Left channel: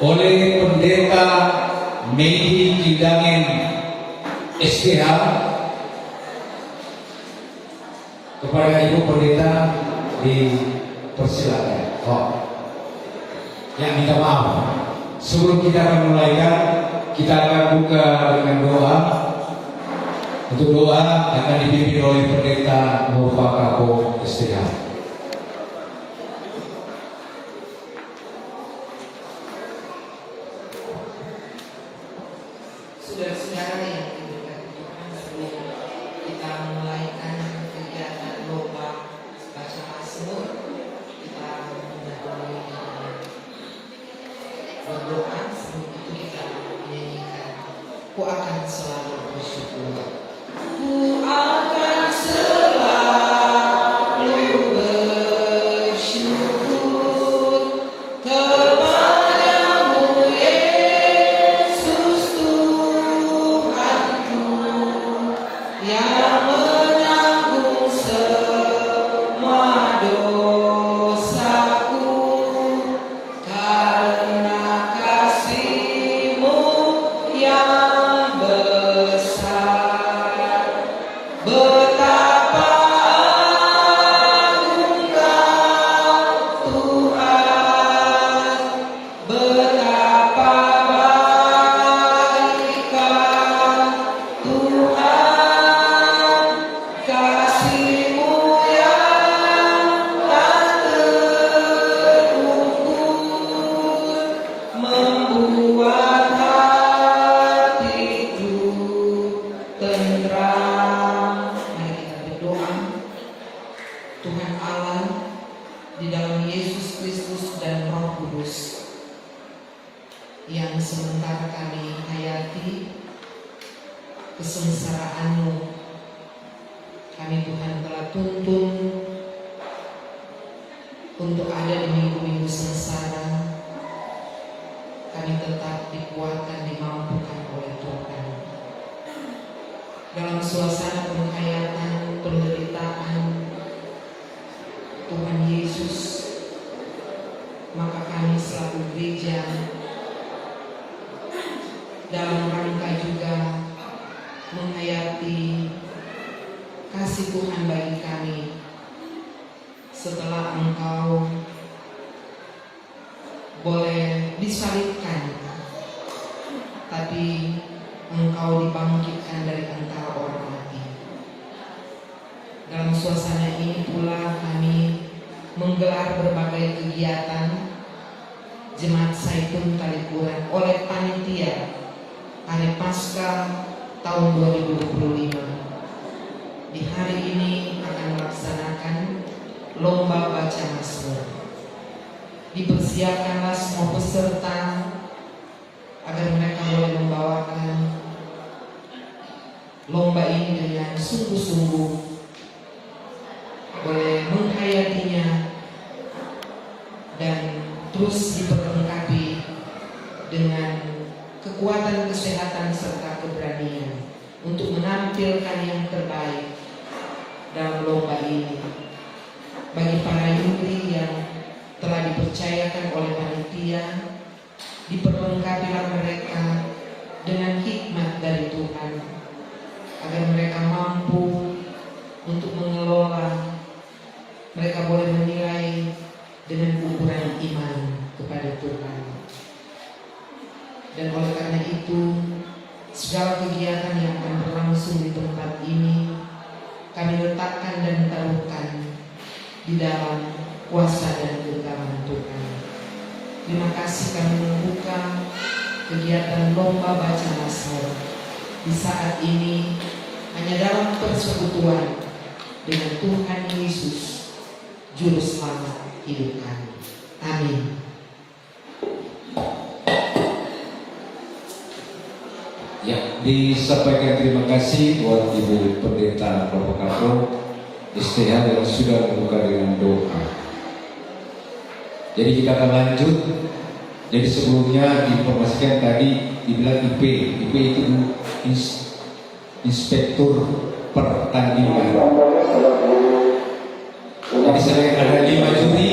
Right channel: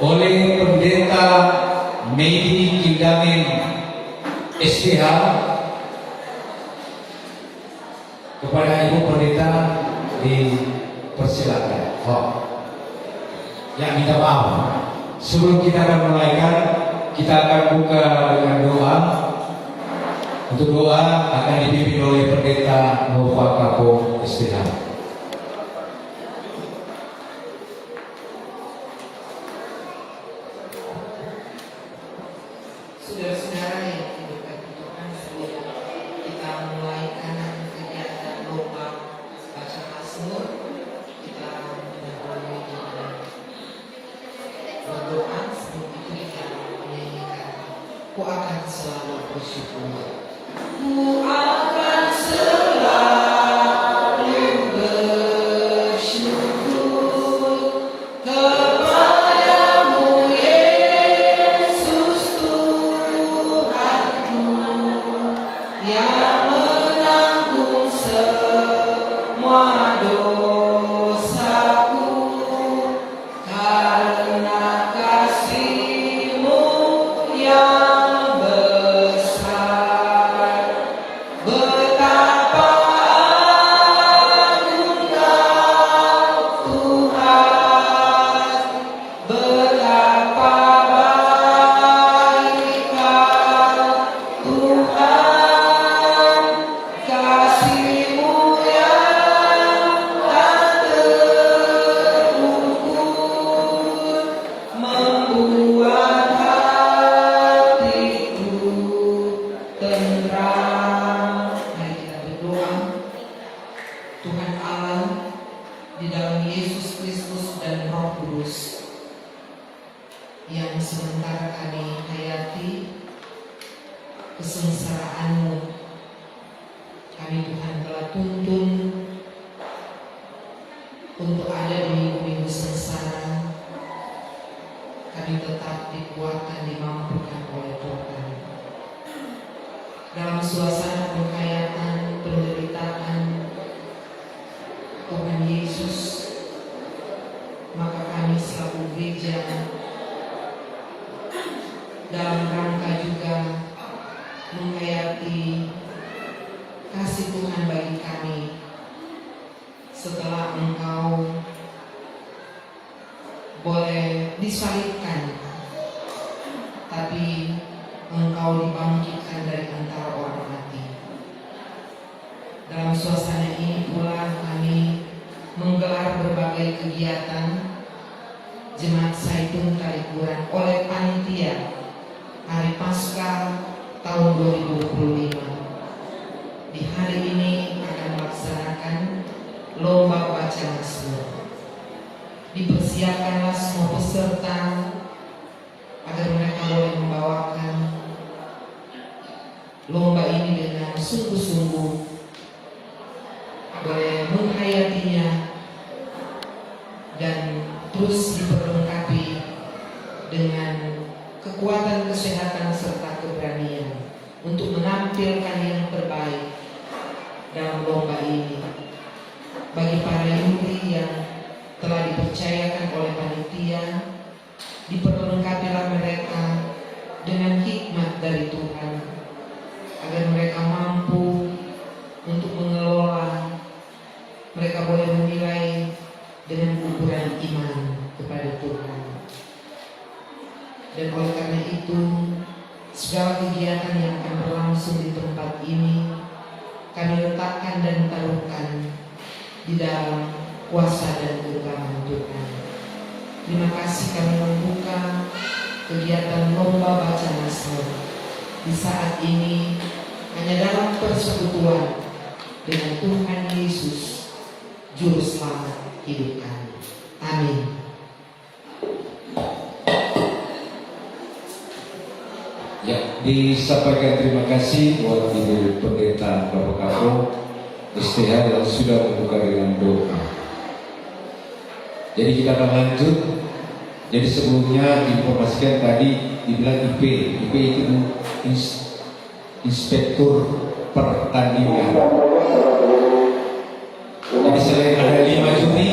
oleh Pendeta Medi Kidamin SPH kepada Ibu Pendeta dipersilakan. Ya, minta maaf. Sebelum kita akan mulaikan, kita akan buka dengan doa. Untuk doa akan dipimpin oleh Pendeta Nova Kapo SPH. Saudara-saudara yang dikasihi Tuhan, sebelum kita mulaikan kegiatan lomba baca Mazmur, kita mendahului dengan berdoa. Sebelum itu kita menyanyikan Ku akan selalu bersyukur. Ku akan selalu bersyukur kepadamu Yesus Tuhanku yang menanggung semua dosaku, karena kasih-Mu yang besar. Betapa agung Kau Tuhan, betapa baik Kau Tuhan, kasih-Mu yang tak terukur membuat hatiku tentram. Mari kita berdoa. Tuhan Allah, di dalam Yesus Kristus dan Roh Kudus yang sementara kami hayati kesengsaraan-Mu, kami Tuhan telah tuntun untuk ada di minggu-minggu sengsara. Kami tetap dikuatkan, dimampukan oleh Tuhan. Dalam suasana penghayatan, penderitaan Tuhan Yesus, maka kami selaku gereja dalam rangka juga menghayati kasih Tuhan bagi kami setelah Engkau boleh disalibkan, tapi Engkau dibangkitkan dari antara orang mati. Dalam suasana ini pula kami menggelar berbagai kegiatan Jemaat Zaitun Kalikuran oleh panitia Hari Paskah tahun 2025. Di hari ini akan melaksanakan lomba baca Mazmur. Dipersiapkanlah semua peserta agar mereka boleh membawakan lomba ini dengan sungguh-sungguh, boleh menghayatinya dan terus diperlengkapi dengan kekuatan kesehatan serta keberanian untuk menampilkan yang terbaik dalam lomba ini. Bagi para yuri yang telah dipercayakan oleh panitia, diperlengkapilah mereka dengan hikmat dari Tuhan agar mereka mampu untuk mengelola. Mereka boleh menilai dengan ukuran iman kepada Tuhan. Dan oleh karena itu, segala kegiatan yang akan berlangsung di tempat ini kami letakkan dan taruhkan di dalam kuasa dan kegeraman Tuhan. Terima kasih kami membuka kegiatan lomba baca Mazmur di saat ini hanya dalam persekutuan dengan Tuhan Yesus, Juru Selamat hidup kami. Amin. Ya, disampaikan terima kasih buat Ibu Pendeta Bapak Kapo STH yang sudah membuka dengan doa. Jadi kita akan lanjut. Jadi sebelumnya diinformasikan tadi dibilang IP itu Inspektur Pertandingan. Jadi selain ada 5 juri,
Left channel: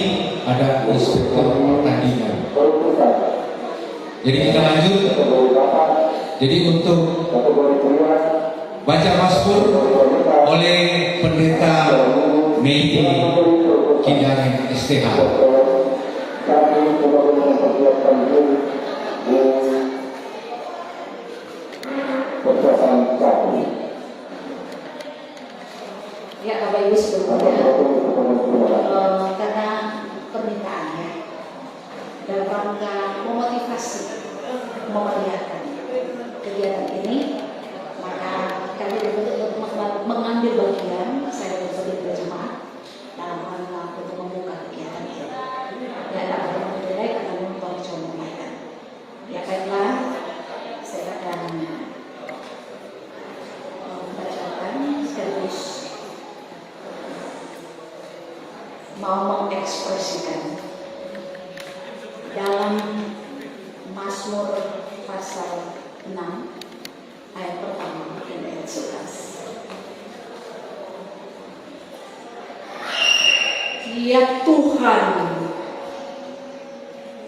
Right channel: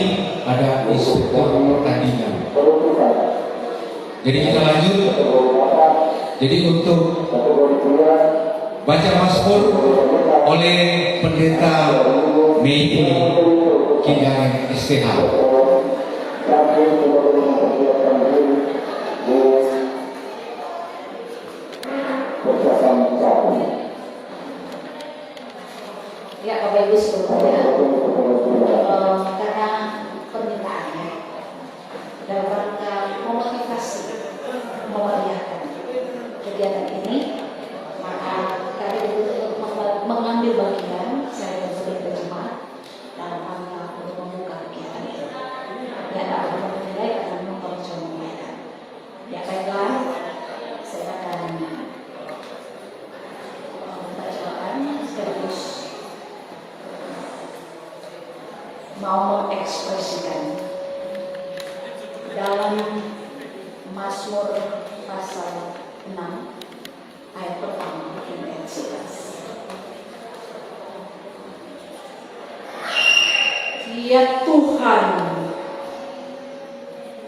ada Inspektur Pertandingan. Jadi kita lanjut. Jadi untuk baca Mazmur oleh Pendeta Mei Kindang STH. Ya, Bapak Ibu sebelumnya, karena permintaannya dalam rangka memotivasi, memeriahkan kegiatan ini, maka kami untuk mengambil bagian, saya sebagai berjemaat dalam rangka untuk membuka kegiatan ini. Dan akan memulai akan memperjuangkan. Ya, baiklah, saya akan membacakan sekaligus mau mengekspresikan dalam Mazmur pasal 6 ayat pertama dan ayat 11. Ya Tuhan,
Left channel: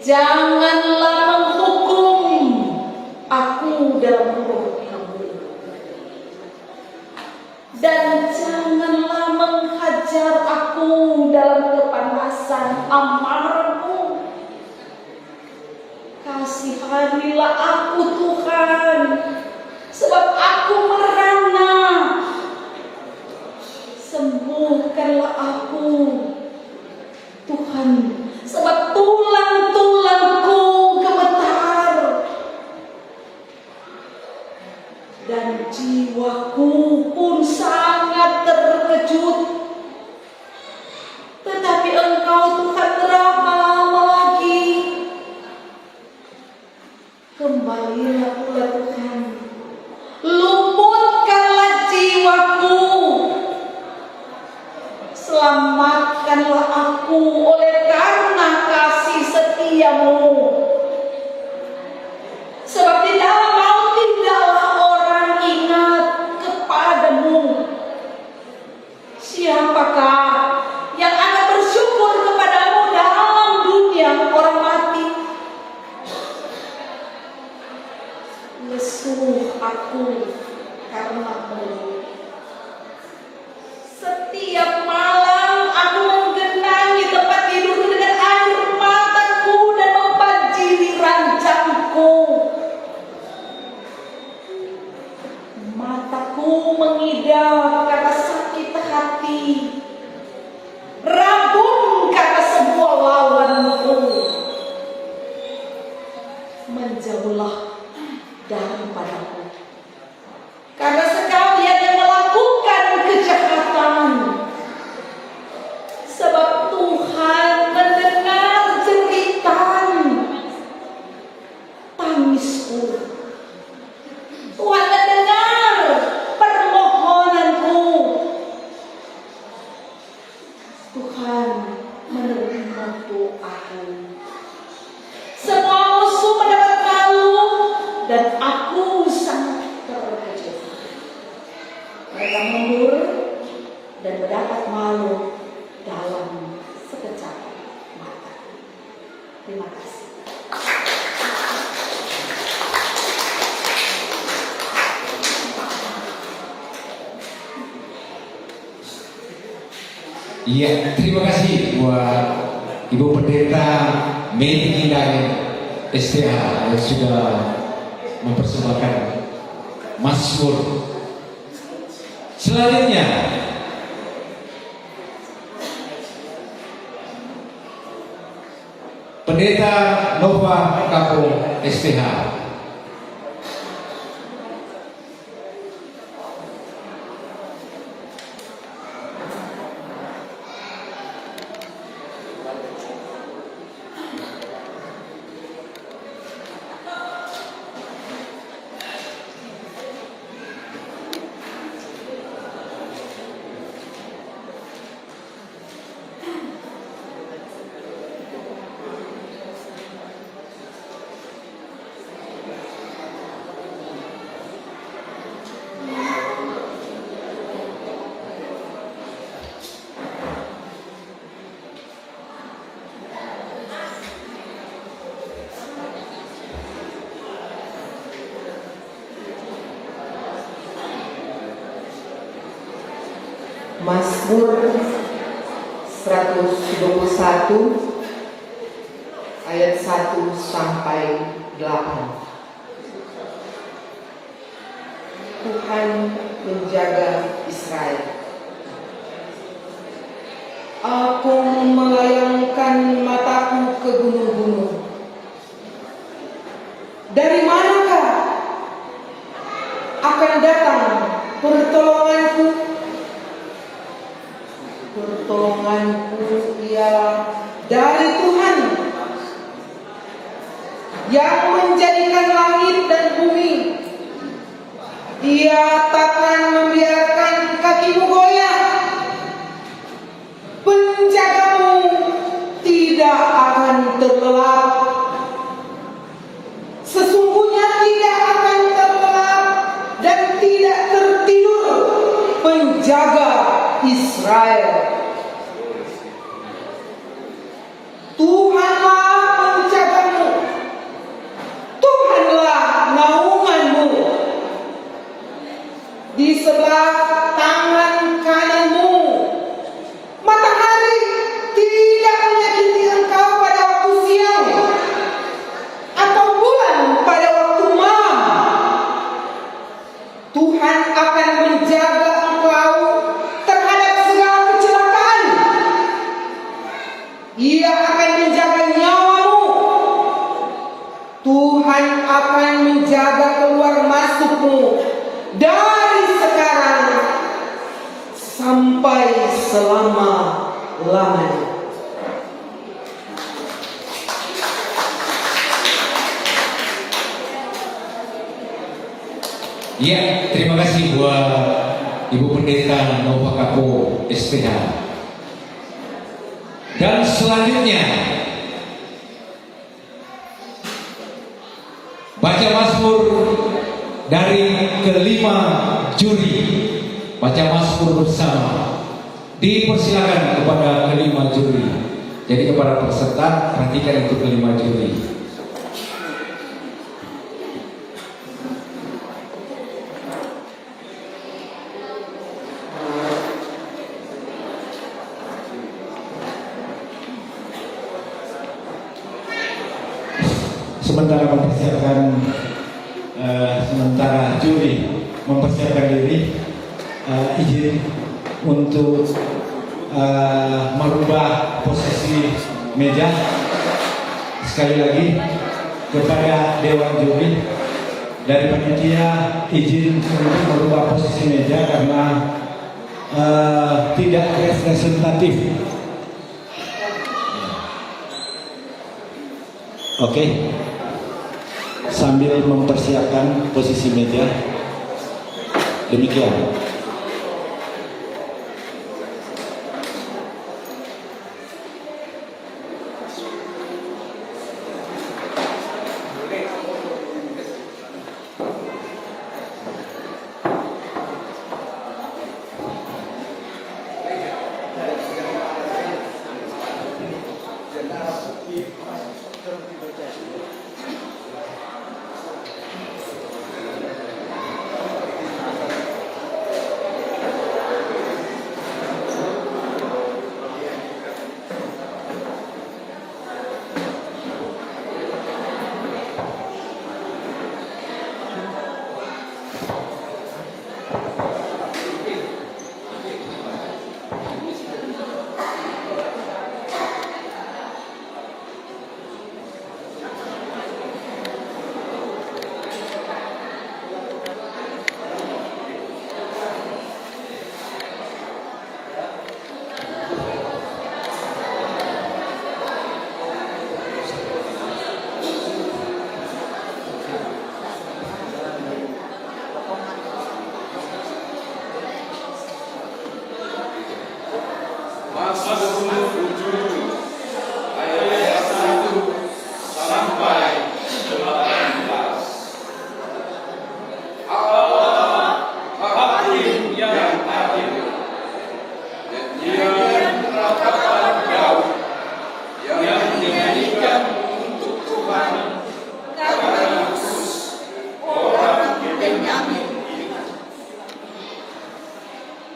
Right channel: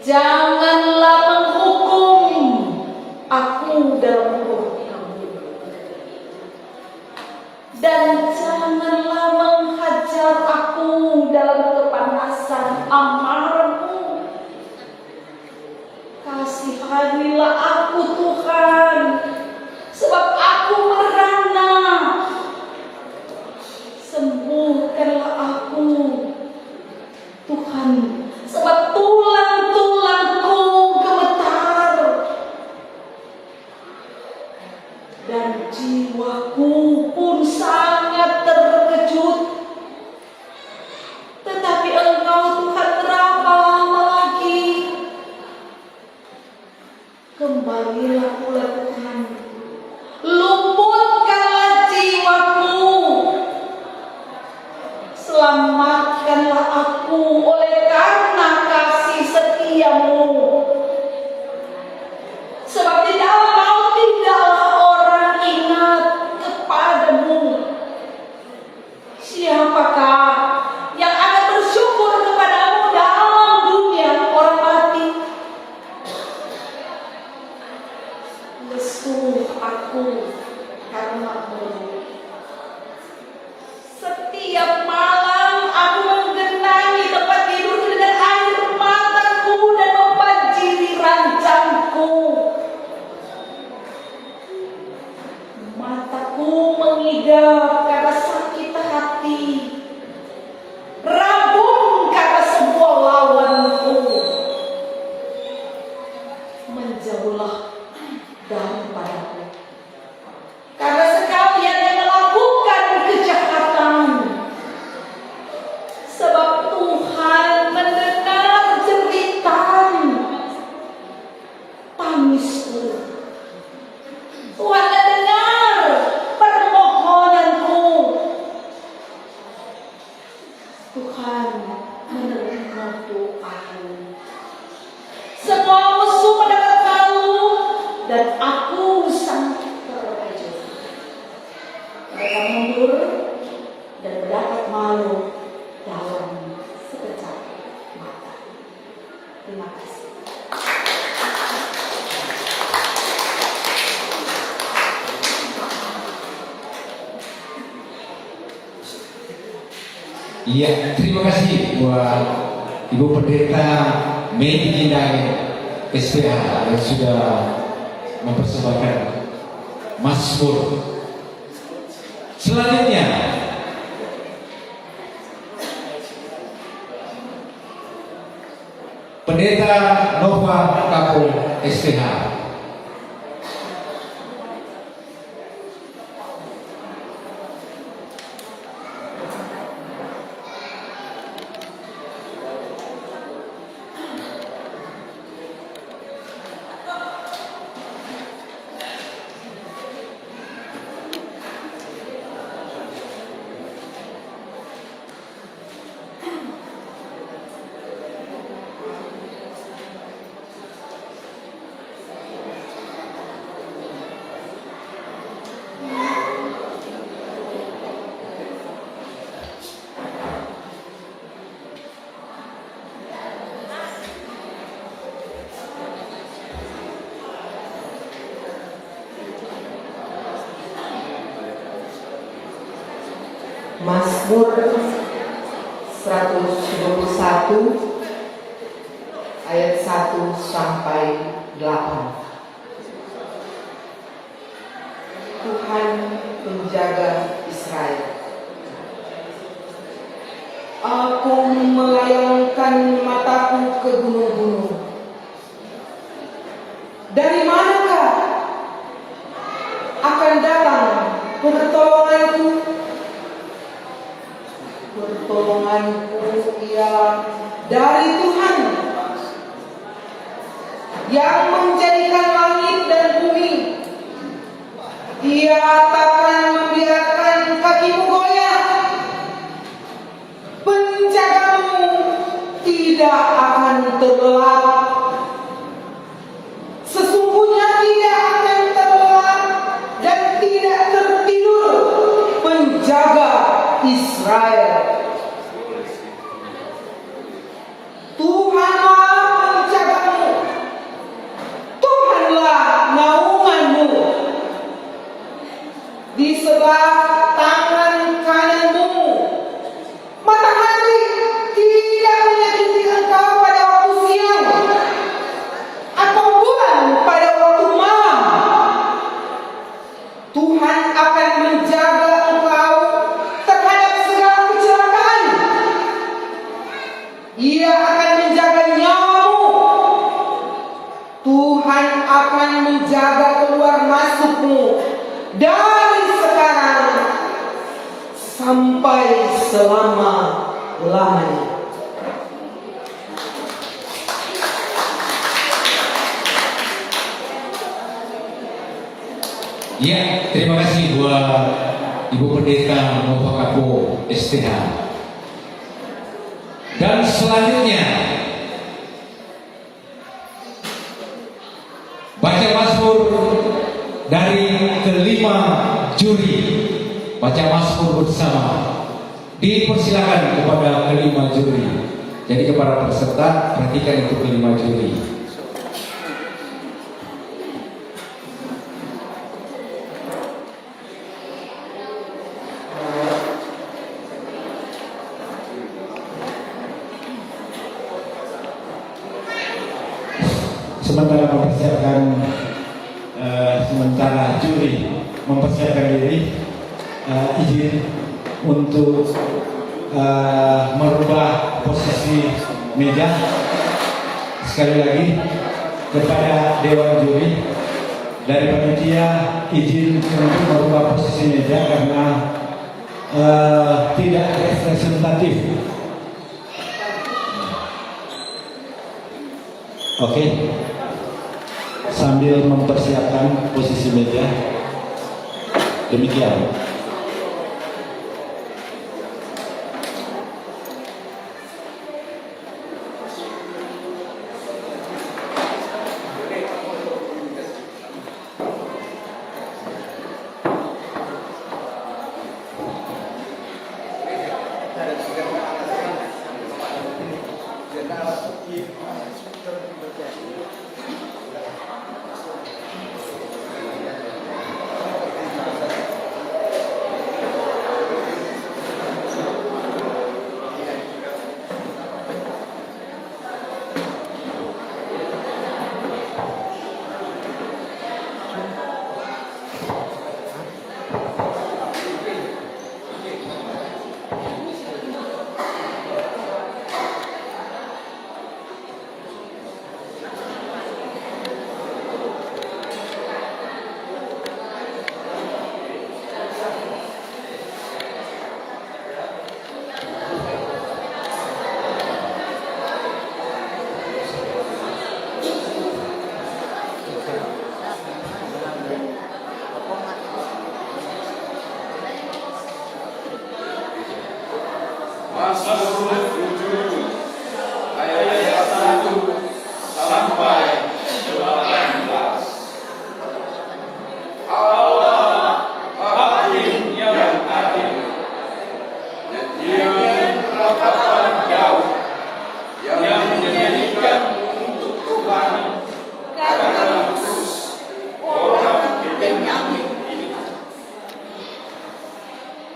janganlah menghukum aku dalam rohku, dan janganlah menghajar aku dalam kepanasan amarahmu. Kasihanilah aku Tuhan, sebab aku merana. Sembuhkanlah aku Tuhan, sebab tulang-tulangku gemetar, dan jiwaku pun sangat terkejut. Tetapi Engkau Tuhan ramah lagi. Kembalilah pula Tuhan, lumpuhkanlah jiwaku, selamatkanlah aku oleh karena kasih setiamu. Sebab tidaklah mau tidaklah orang ingat kepadamu. Siapakah yang akan bersyukur kepadamu dalam dunia orang mati? Lesu aku karenamu. Setiap malam aku menggenangi tempat tidur dengan air mataku dan membanjiri rancangku. Mataku mengidap karena sakit hati, rabun karena sebuah lawanku. Menjauhlah daripadaku, karena sekalian yang melakukan kejahatan. Sebab Tuhan mendengar jeritan tangisku. Tuhan mendengar permohonanku. Tuhan menerima doaku. Semua musuh mendapat malu, dan aku sangat terkejut. Mereka mundur dan mendapat malu dalam sekejap mata. Terima kasih. Iya, terima kasih buat Ibu Pendeta Mei Kindang STH yang sudah mempersembahkan Mazmur. Selanjutnya Pendeta Nova Kapung STH. Mazmur 121 ayat 1 sampai 8. Tuhan menjaga Israel. Aku melayangkan mataku ke gunung-gunung. Dari manakah akan datang pertolonganku? Pertolonganku ialah dari Tuhan yang menjadikan langit dan bumi. Dia takkan membiarkan kakimu goyah. Penjagamu tidak akan terlelap. Sesungguhnya tidak akan terlelap dan tidak tertidur penjaga Israel. Tuhanlah penjagamu. Tuhanlah naunganmu. Di sebelah tangan kananmu. Matahari tidak menyakiti engkau pada waktu siang, atau bulan pada waktu malam. Tuhan akan menjaga engkau terhadap segala kecelakaan. Ia akan menjaga nyawamu. Tuhan akan menjaga keluar masukmu dari sekarang sampai selama-lamanya. Ya, terima kasih buat Ibu Pendeta Nova Kapo STH. Dan selanjutnya baca Mazmur dari kelima juri. Baca Mazmur bersama. Dipersilakan kepada kelima juri. Jadi kepada peserta perhatikan untuk kelima juri. Sementara juri mempersiapkan diri, izin untuk merubah posisi meja. Sekali lagi kepada Dewan Juri dari panitia, izin untuk merubah posisi meja karena tidak representatif. Oke. Sambil mempersiapkan posisi meja, demikian.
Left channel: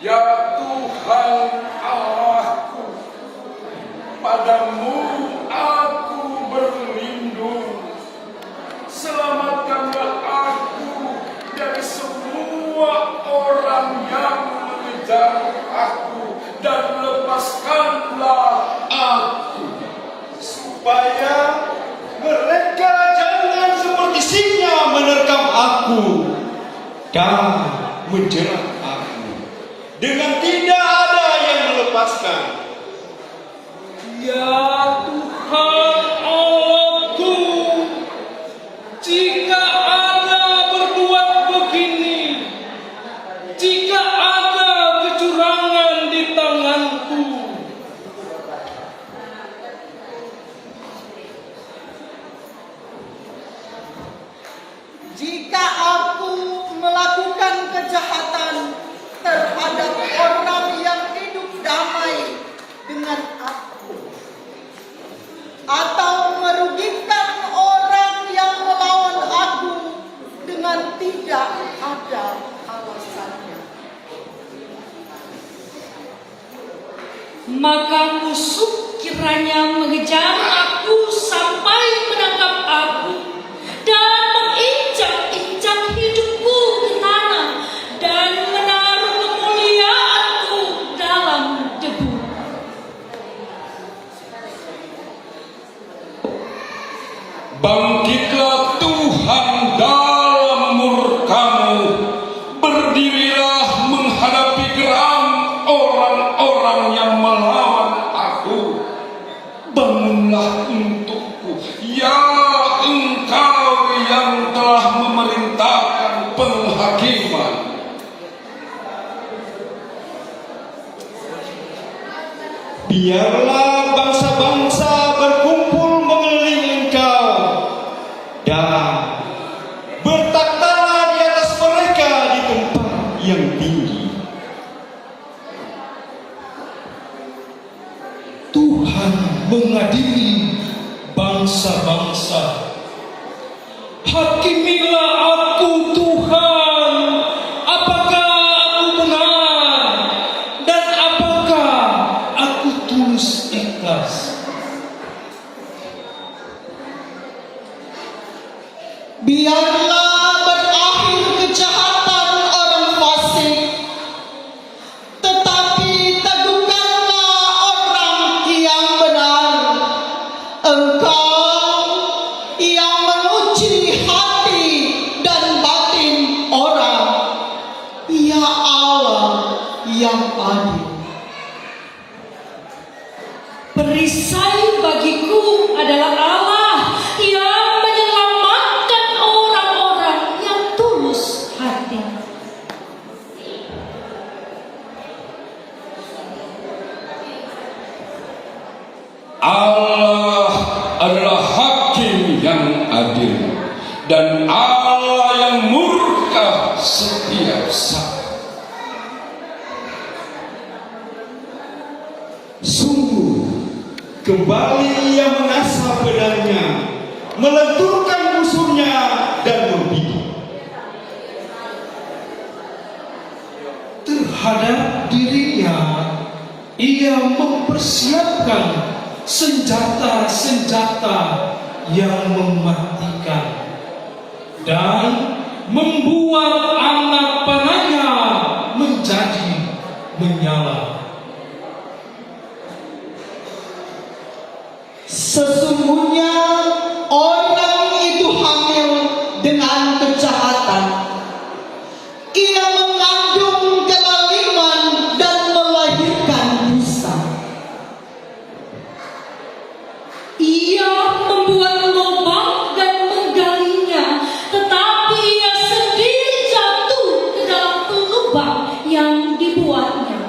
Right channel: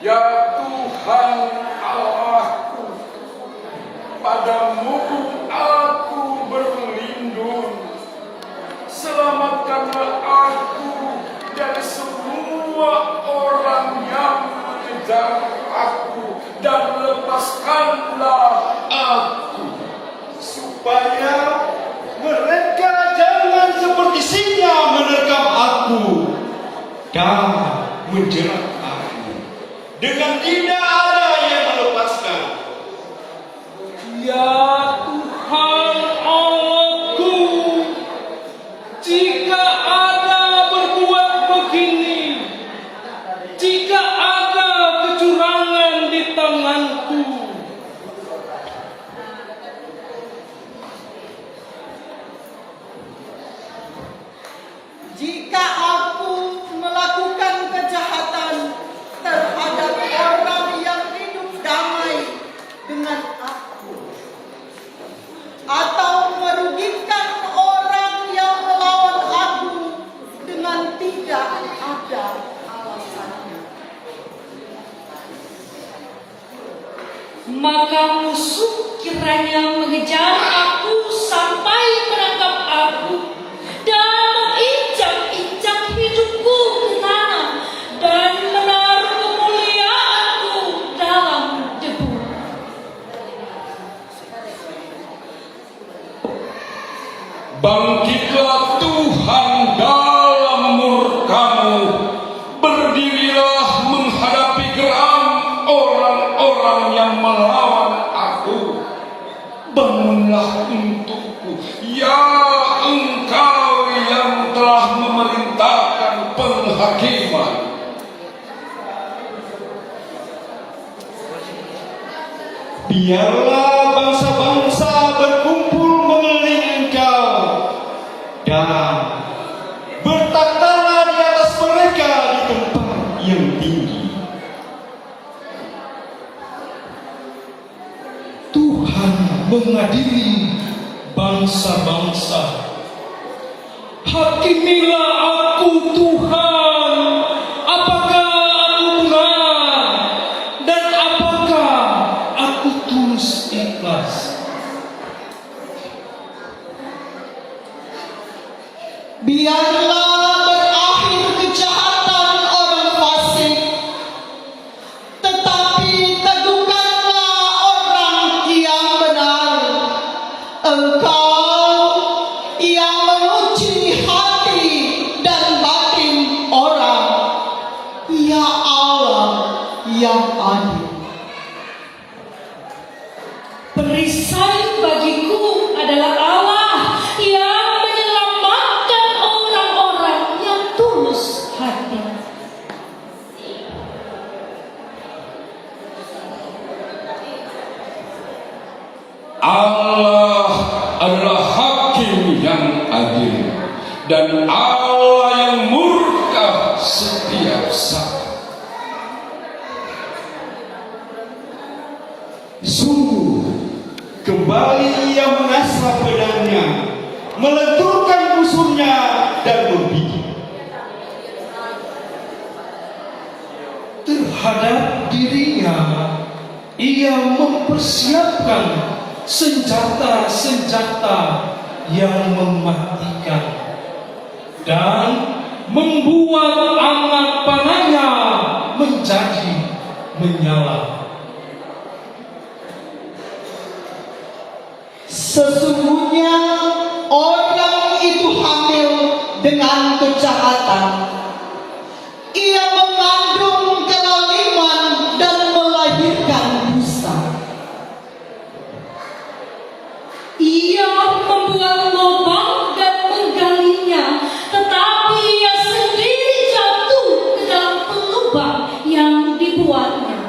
Ya Tuhan. Tuhan Allahku, padamu aku berlindung. Selamatkanlah aku dari semua orang yang mengejar aku, dan lepaskanlah aku, supaya mereka jangan seperti singa menerkam aku dan menjerat aku dengan tidak ada yang melepaskan. Ya Tuhan Allahku, jika ada berbuat begini, jika ada kecurangan di tanganku, Jika aku melakukan kejahatan terhadap orang yang hidup damai dengan aku, atau merugikan orang yang melawan aku dengan tidak ada alasannya, Maka musuh kiranya mengejar aku sampai menangkap aku dan menginjak-injak hidupku ke tanah dan menaruh kemuliaanku dalam debu. bangkitlah Tuhan dalam murka-Mu, berdirilah menghadapi geram orang-orang yang melawan aku. Bangunlah untukku, ya Engkau yang telah memerintahkan penghakiman. Biarlah bangsa-bangsa berkumpul mengelilingi Engkau dan bertakhtalah di atas mereka di tempat yang tinggi. Tuhan mengadili bangsa-bangsa. Hakimilah aku Tuhan, apakah aku benar dan apakah aku tulus ikhlas. biarlah berakhir kejahatan orang fasik, tetapi teguhkanlah orang yang benar. Engkau yang menguji hati dan batin orang, ya Allah yang adil. Perisai bagiku adalah Allah yang menyelamatkan orang-orang yang tulus hati. Allah adalah hakim yang adil, dan Allah yang murka setiap saat. Sungguh, kembali ia mengasah pedangnya, melenturkan musuhnya dan berbicara terhadap dirinya. Ia mempersiapkan senjata-senjata yang mematikan dan membuat anak panahnya menjadi menyala. Sesungguhnya orang itu hamil dengan kejahatan. Ia mengandung kezaliman dan melahirkan dosa. Ia membuat lubang dan menggalinya, tetapi ia sendiri jatuh ke dalam lubang yang dibuatnya.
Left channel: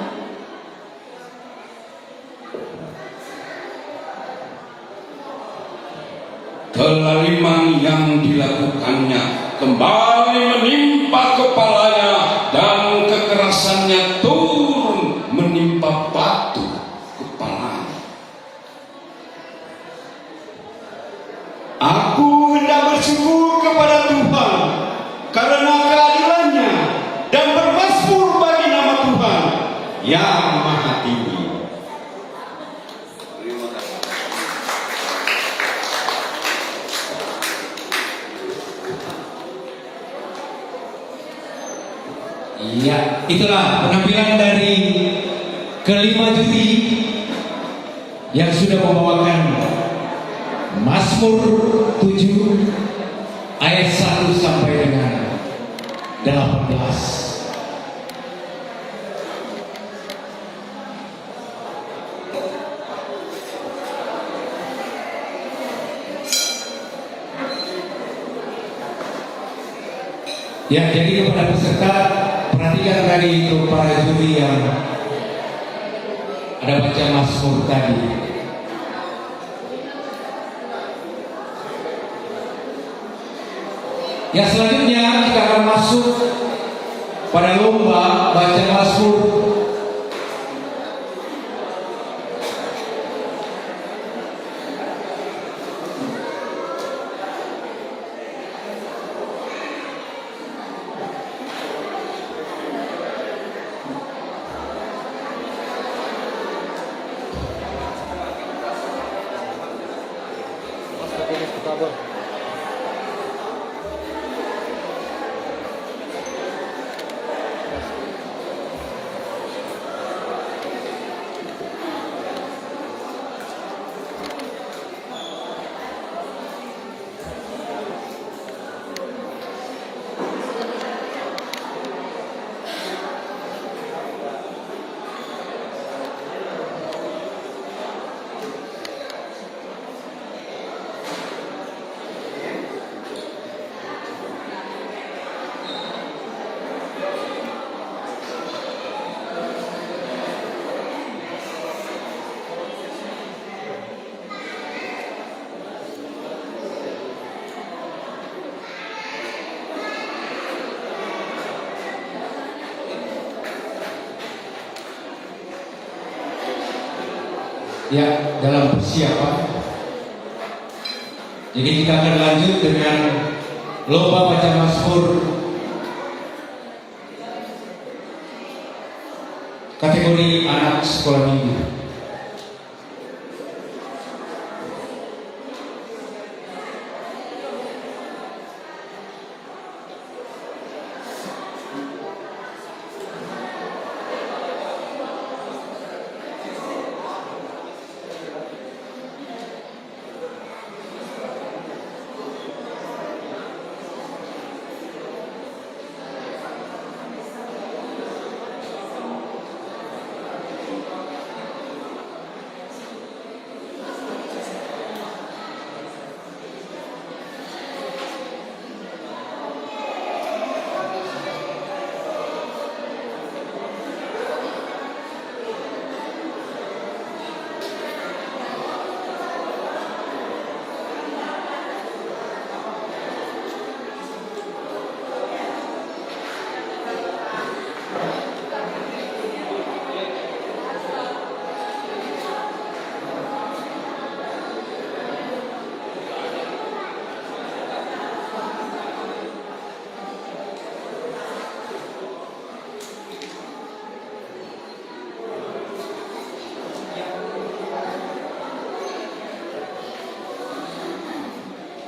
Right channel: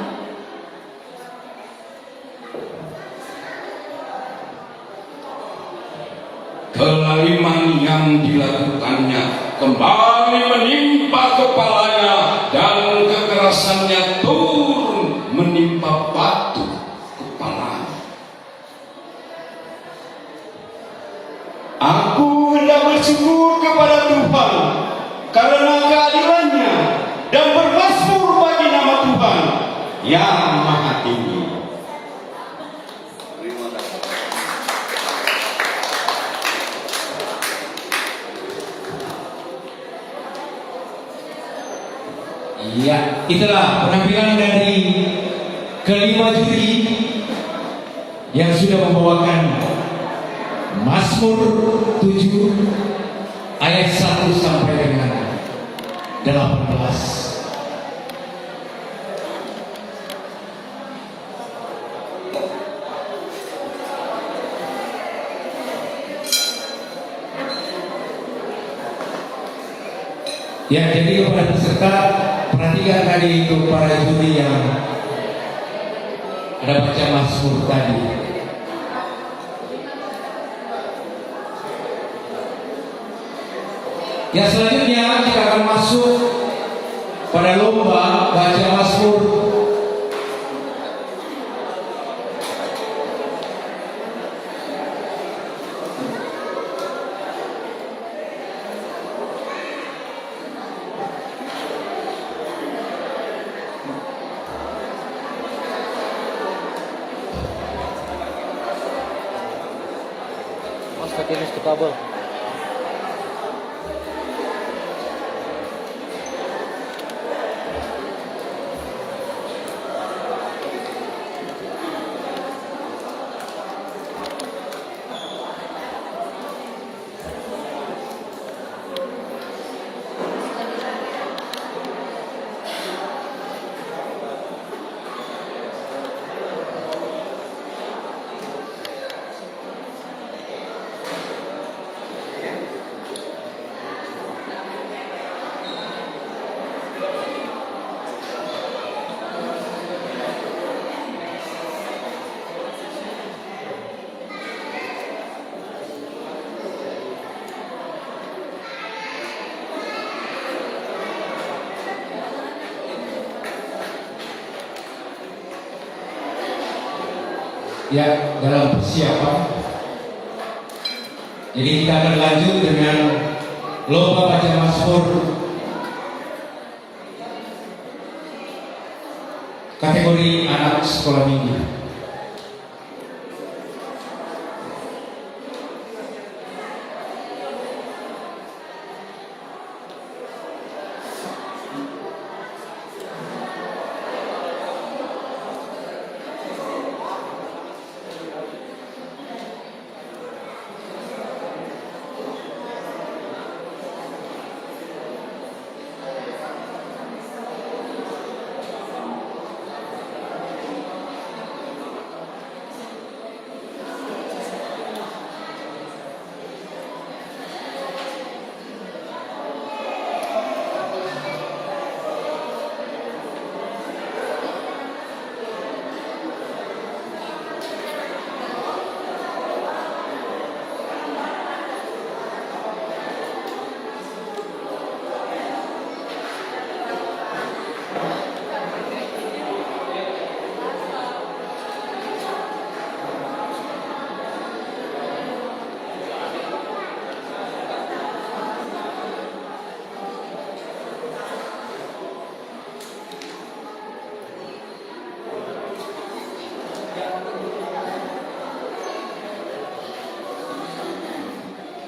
Kezaliman yang dilakukannya kembali menimpa kepalanya, dan kekerasannya turun menimpa batu kepalanya. Aku hendak bersyukur kepada Tuhan karena keadilannya dan bermasmur bagi nama Tuhan yang maha tinggi. Iya, itulah penampilan dari kelima juri yang sudah membawakan Mazmur 7 ayat 1 sampai dengan 18. Ya, jadi kepada peserta, perhatikan tadi itu para juri yang ada baca Mazmur tadi. Yang selanjutnya kita akan masuk pada lomba baca Mazmur. Ya, dalam persiapan. Jadi kita akan lanjut dengan lomba baca Mazmur kategori anak sekolah minggu.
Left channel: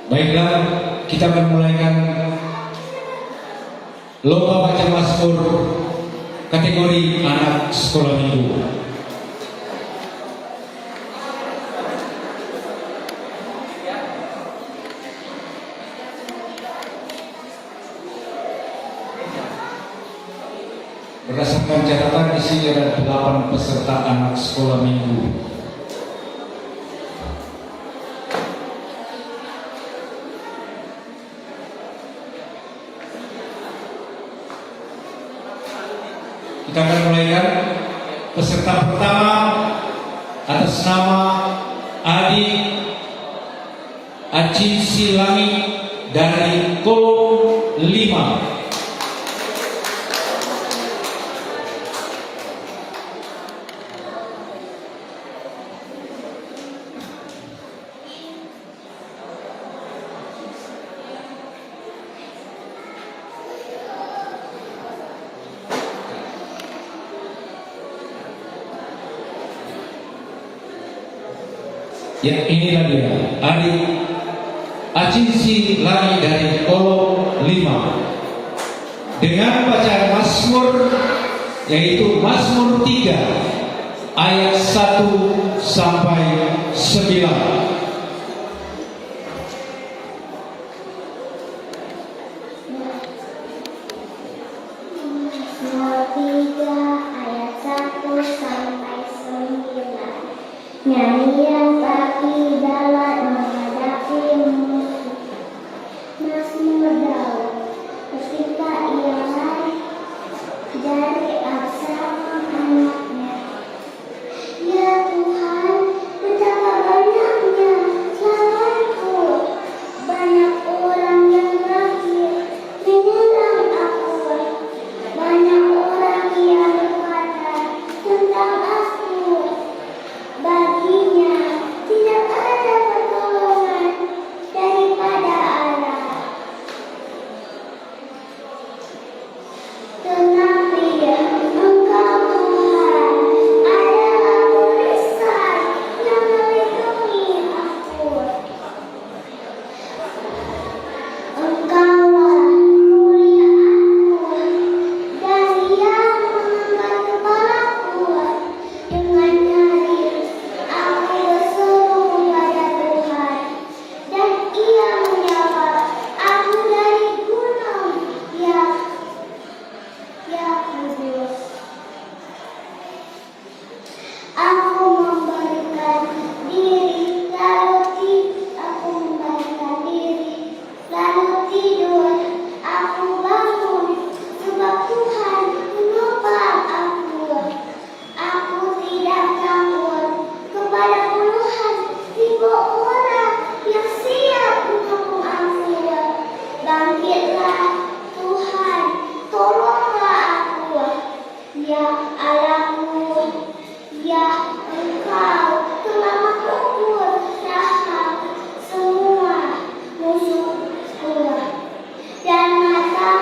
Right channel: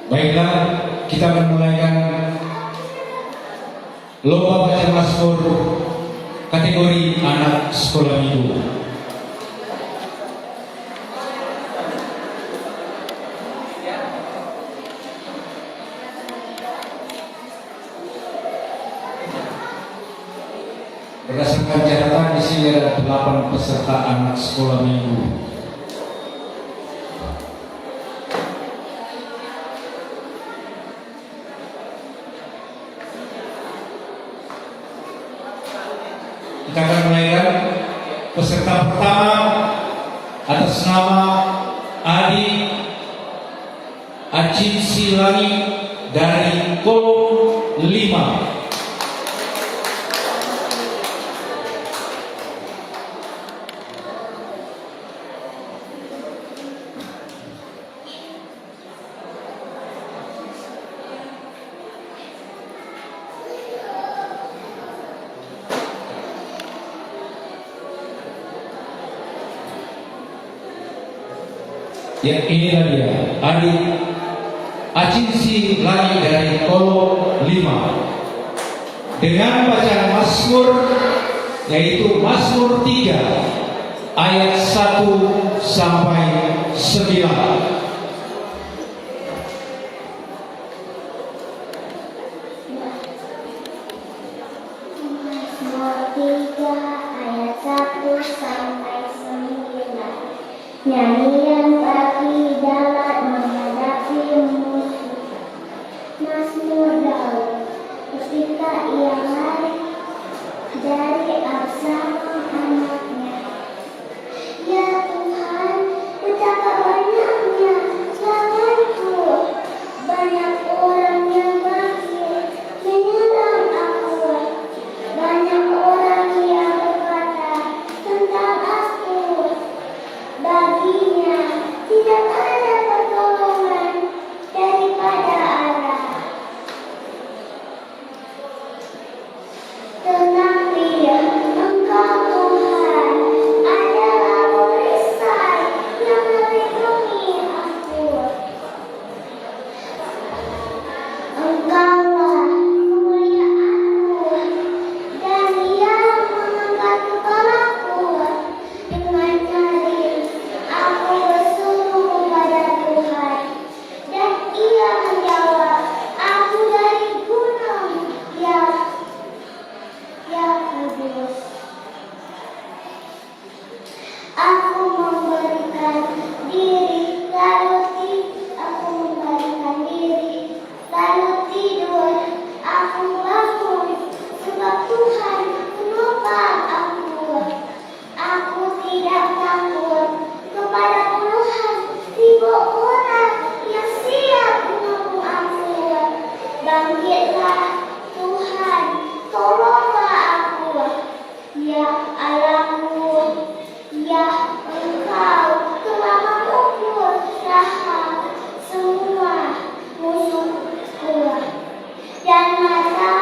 Baiklah, kita akan mulaikan lomba baca Mazmur kategori anak sekolah minggu. Berdasarkan catatan di sini ada 8 peserta anak sekolah minggu. Kita akan mulaikan peserta pertama atas nama Adi Acin Silangi dari Kolom 5. Ya, ini dia adik Acinsi lagi dari kolom 5 dengan bacaan Mazmur, yaitu Mazmur 3 ayat 1 sampai 9. Nyanyian bagi dalam menghadapi musuh. Mazmur Daud. Ketika ia lari dari Absalom anaknya. Ya Tuhan, betapa banyaknya lawanku. Banyak orang yang mati menyerang aku. Banyak orang yang berkata tentang aku. Baginya tidak ada pertolongan daripada Allah. Tetapi Engkau Tuhan adalah perisai yang melindungi aku. Engkaulah kemuliaanku dan yang mengangkat kepalaku. Dengan nyaring aku berseru pada Tuhan, dan Ia menjawab aku dari gunung yang kudus. Aku memberikan diri lalu tidur. Aku bangun sebab Tuhan menopang aku. Aku tidak takut kepada puluhan ribu orang yang siap mengepung aku. Bangkitlah Tuhan, tolonglah aku. Ya Allahku, ya Engkau telah memukul rahang semua musuhku dan mengatakan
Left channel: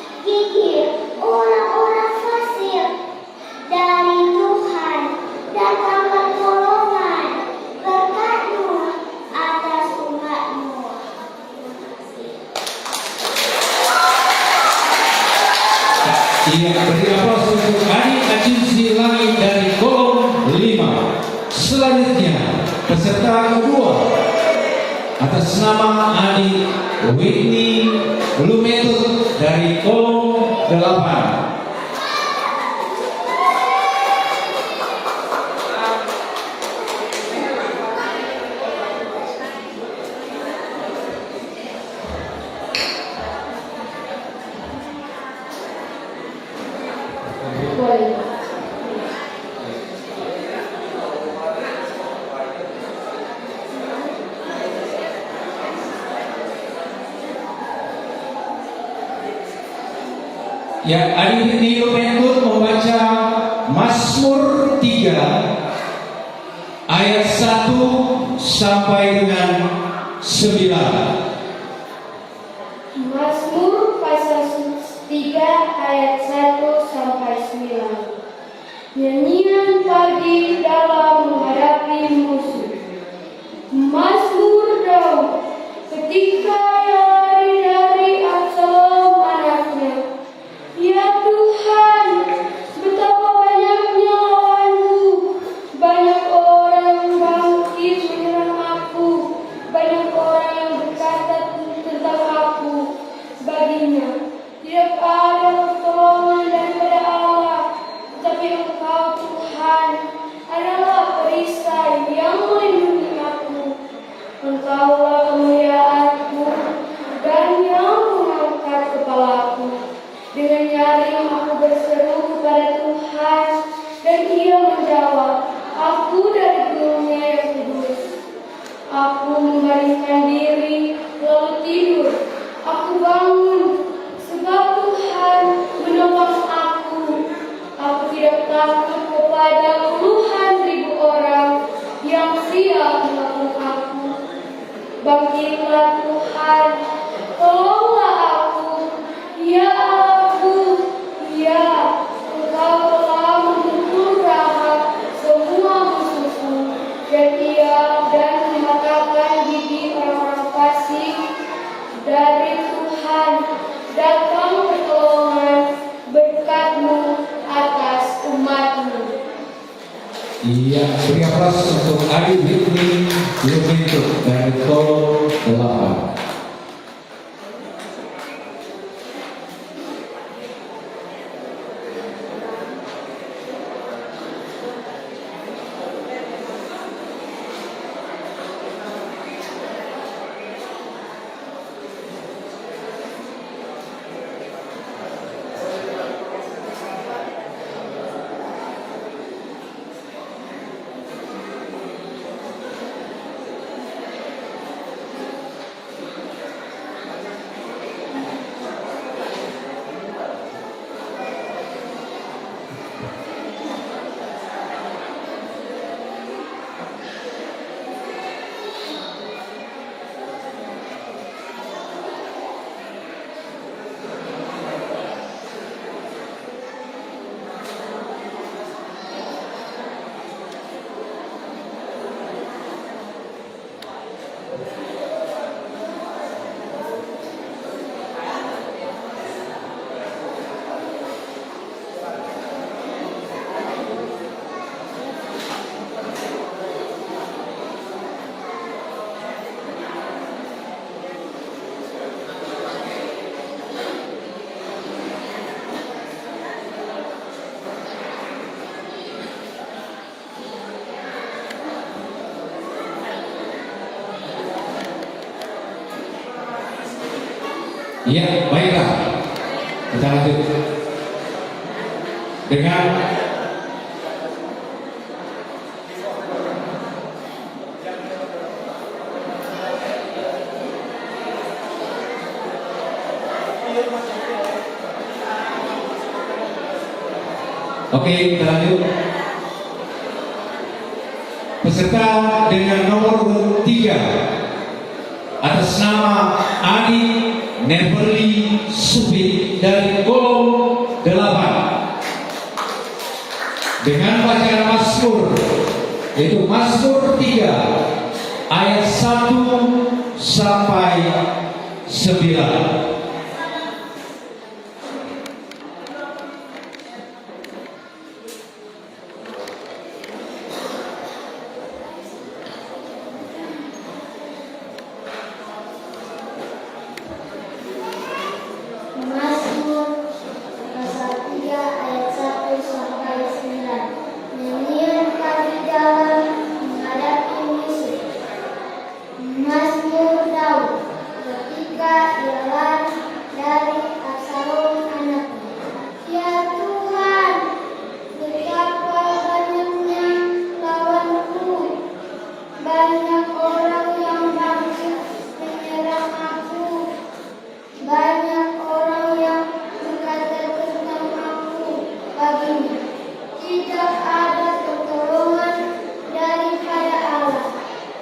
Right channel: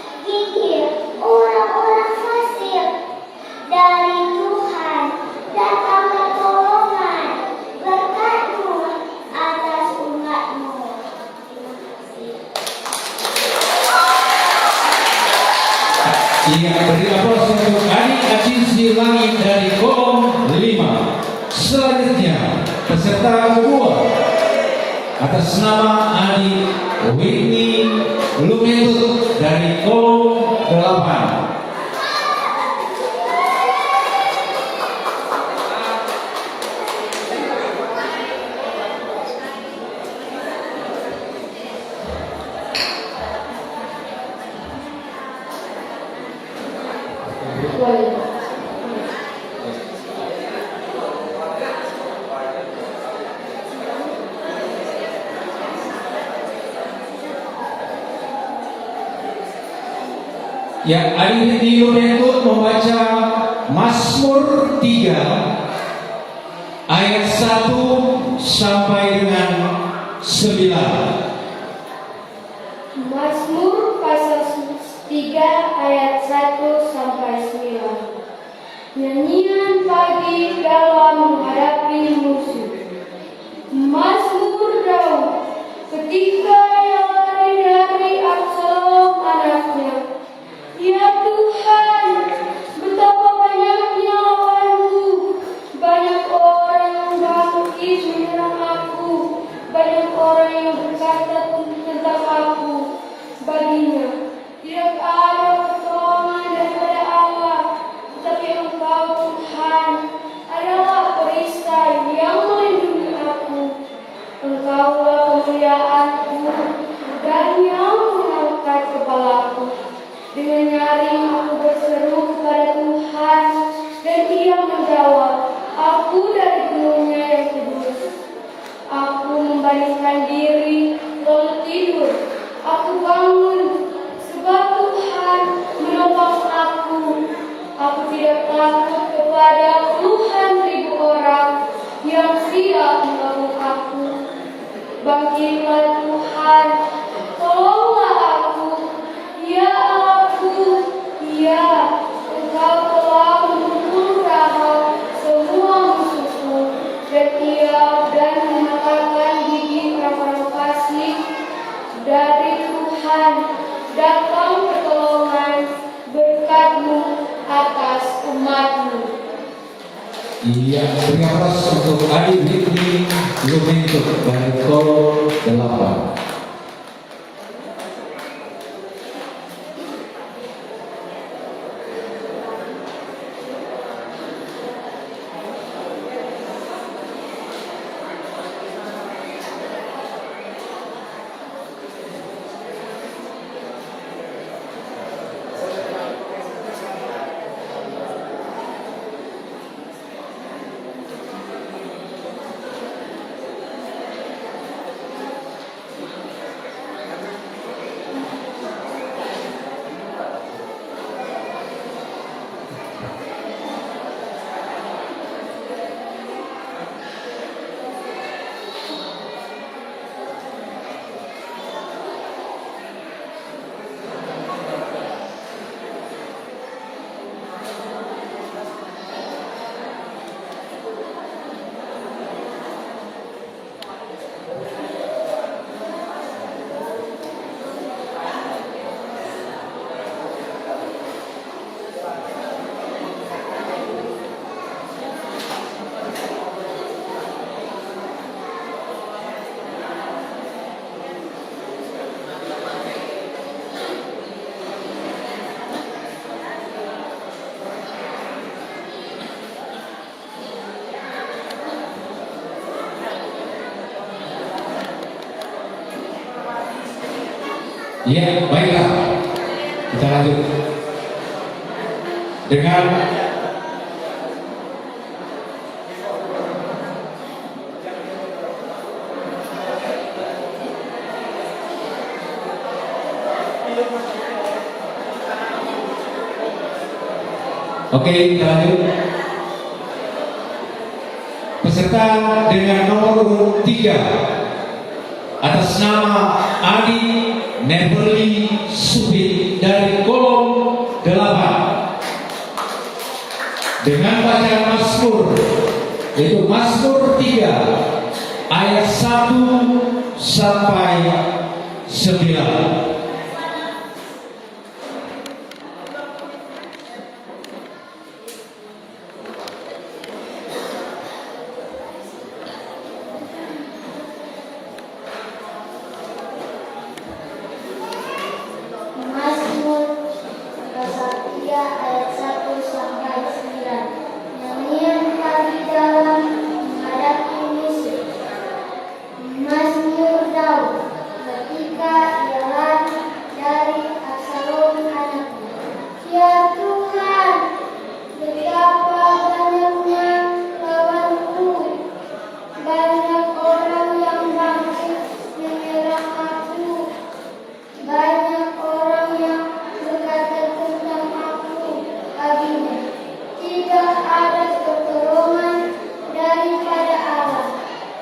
gigi orang-orang fasik. Dari Tuhan datanglah pertolongan, berkat-Mu atas umat-Mu. Ia beri aplaus untuk adik Acinsi Langit dari kolom 5. Selanjutnya peserta kedua atas nama adik Whitney Lumetut dari kolom 8. Yang adik Whitney Lumetut membaca Mazmur 3 ayat 1 sampai dengan 9. Mazmur pasal 3 ayat 1 sampai 9. Nyanyian pagi dalam menghadapi musuh. Mazmur Daud. Ketika ia lari dari Absalom anaknya. Ya Tuhan, betapa banyaknya lawanku. Banyak orang yang bangkit menyerang aku. Banyak orang yang berkata tentang aku. Baginya tidak ada pertolongan daripada Allah, tetapi Engkau Tuhan adalah perisai yang melindungi aku. Engkaulah kemuliaanku dan yang mengangkat kepalaku. Dengan nyaring aku berseru kepada Tuhan, dan Ia menjawab aku dari gunungnya yang kudus. Aku membaringkan diri lalu tidur. Aku bangun sebab Tuhan menopang aku. Aku tidak takut kepada puluhan ribu orang yang siap mengepung aku. Bangkitlah Tuhan, tolonglah aku. Ya Allahku, ya Engkau telah memukul rahang semua musuh. beri aplaus untuk Adi Whitney Lumintuk dari Kolom 8. Ya, baiklah. Kita lanjut dengan Oke, kita lanjut. Peserta dengan nomor urut 3 atas nama Adi Neverly Subit dari Kolom 8 dengan bacaan Mazmur, yaitu Mazmur 3 ayat 1 sampai 9. Mazmur pasal 3 ayat 1 sampai 9. Nyanyian kami dalam menghadapi musuh. Mazmur Daud ketika ia lari dari Absalom anaknya. Ya Tuhan, betapa banyaknya lawanku, banyak orang yang maksud menyerang aku. Banyak orang yang berkata tentang aku baginya, tidak ada pertolongan daripada Allah.